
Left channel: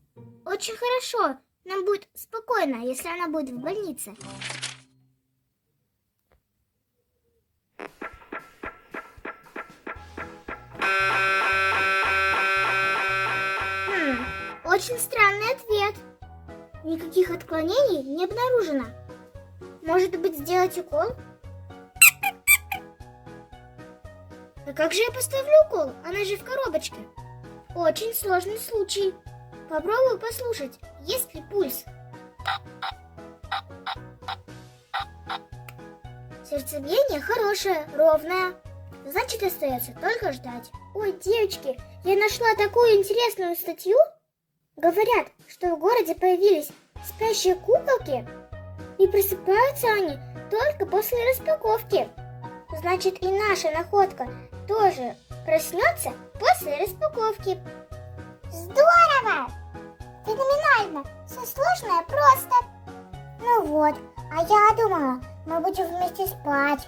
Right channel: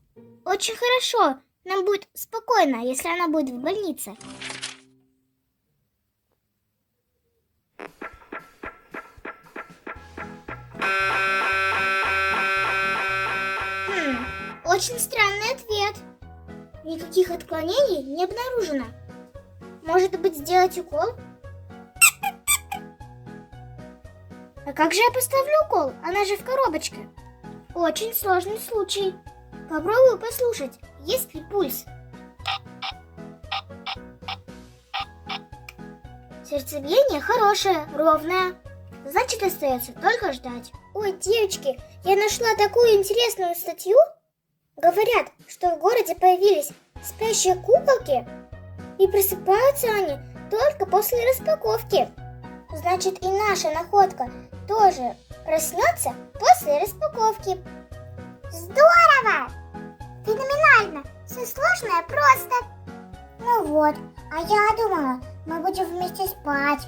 Очень хорошо. Нам будет спокойно, если она будет в больнице. Очень странный ответ. Никаких отклонений не обнаружено. Может быть, сделать укол? А как же я поставлю укол? Она же в коробочке. Очень сложный случай. Попробую послушать, есть ли пульс. Сердцебиение хорошее, ровное. Значит, остается только ждать. Ой, девочки, я нашла такую интересную статью. Говорят, что в городе появились спящие куколки, и просыпаются они только после распаковки. Значит, и наша находка тоже проснется после распаковки. Здорово! Феноменально! Все сложное просто. Ну вот, а я думала, мы будем вместе спать.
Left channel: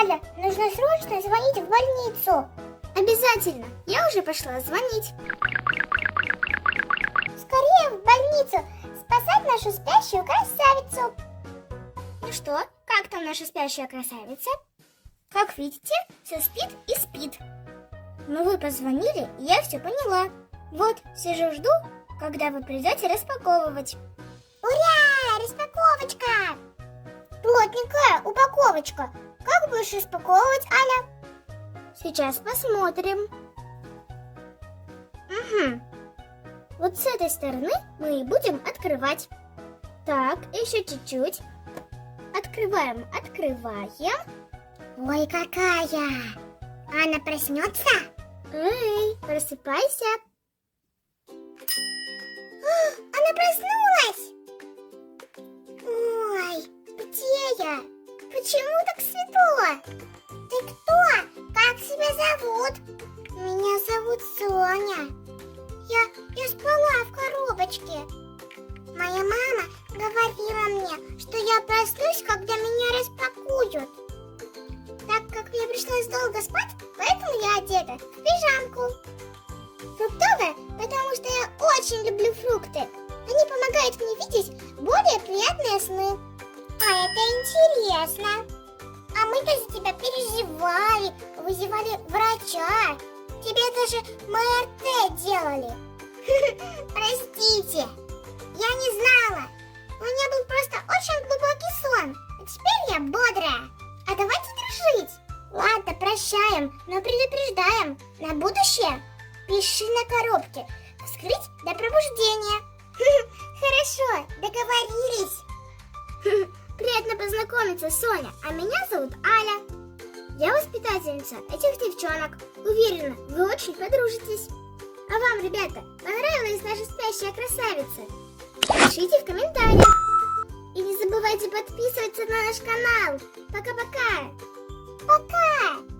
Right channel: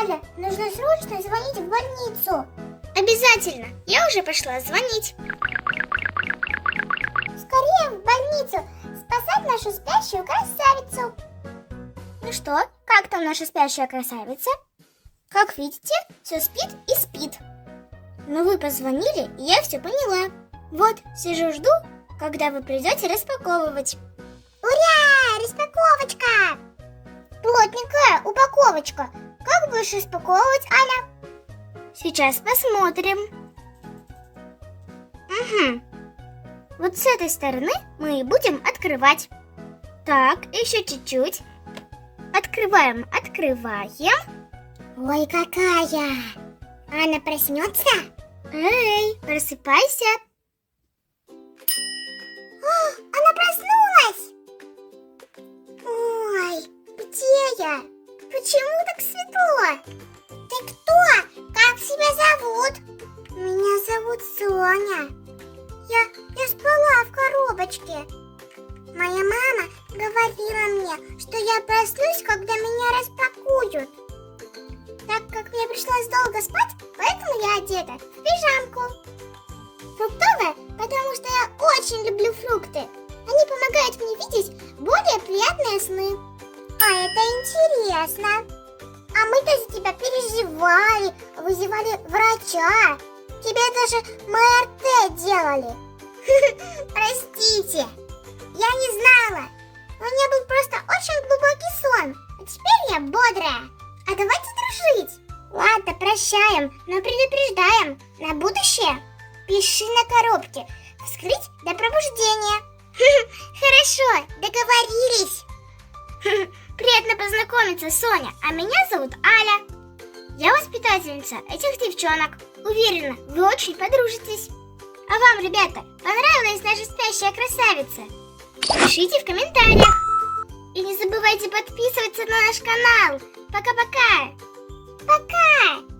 Аля, нужно срочно звонить в больницу. Обязательно, я уже пошла звонить. Скорее в больницу спасать нашу спящую красавицу. Ну что, как там наша спящая красавица? Как видите, все спит и спит. Но вы позвонили, и я все поняла. Вот, сижу, жду, когда вы придете распаковывать. Ура! Распаковочка! Плотненькая упаковочка. Как будешь распаковывать, Аня? Сейчас посмотрим. Угу. Вот с этой стороны мы и будем открывать. Так, еще чуть-чуть. Открываем. Ой, какая! Анна проснется? Эй, просыпайся. Она проснулась! Ой, где я? Почему так светло? Ты кто? Как себя зовут? Меня зовут Соня. Я спала в коробочке. Моя мама говорила мне, что я проснусь, когда меня распакуют. Так как мне пришлось долго спать, поэтому я одета в пижамку. Фруктовая, потому что я очень люблю фрукты. Они помогают мне видеть более приятные сны. А это интересно. А мы-то за тебя переживали, вызывали врача. Тебе даже МРТ делали. Простите, я не знала. У меня был просто очень глубокий сон. А теперь я бодрая. А давайте дружить. Ладно, прощаем, но предупреждаем. На будущее пиши на коробке. Вскрыть до пробуждения. Хорошо, договорились. Приятно познакомиться, Соня. А меня зовут Аля. Я воспитательница этих девчонок. Уверена, вы очень подружитесь. А вам, ребята, понравилась наша спящая красавица? Пишите в комментариях. И не забывайте подписываться на наш канал. Пока-пока. Пока.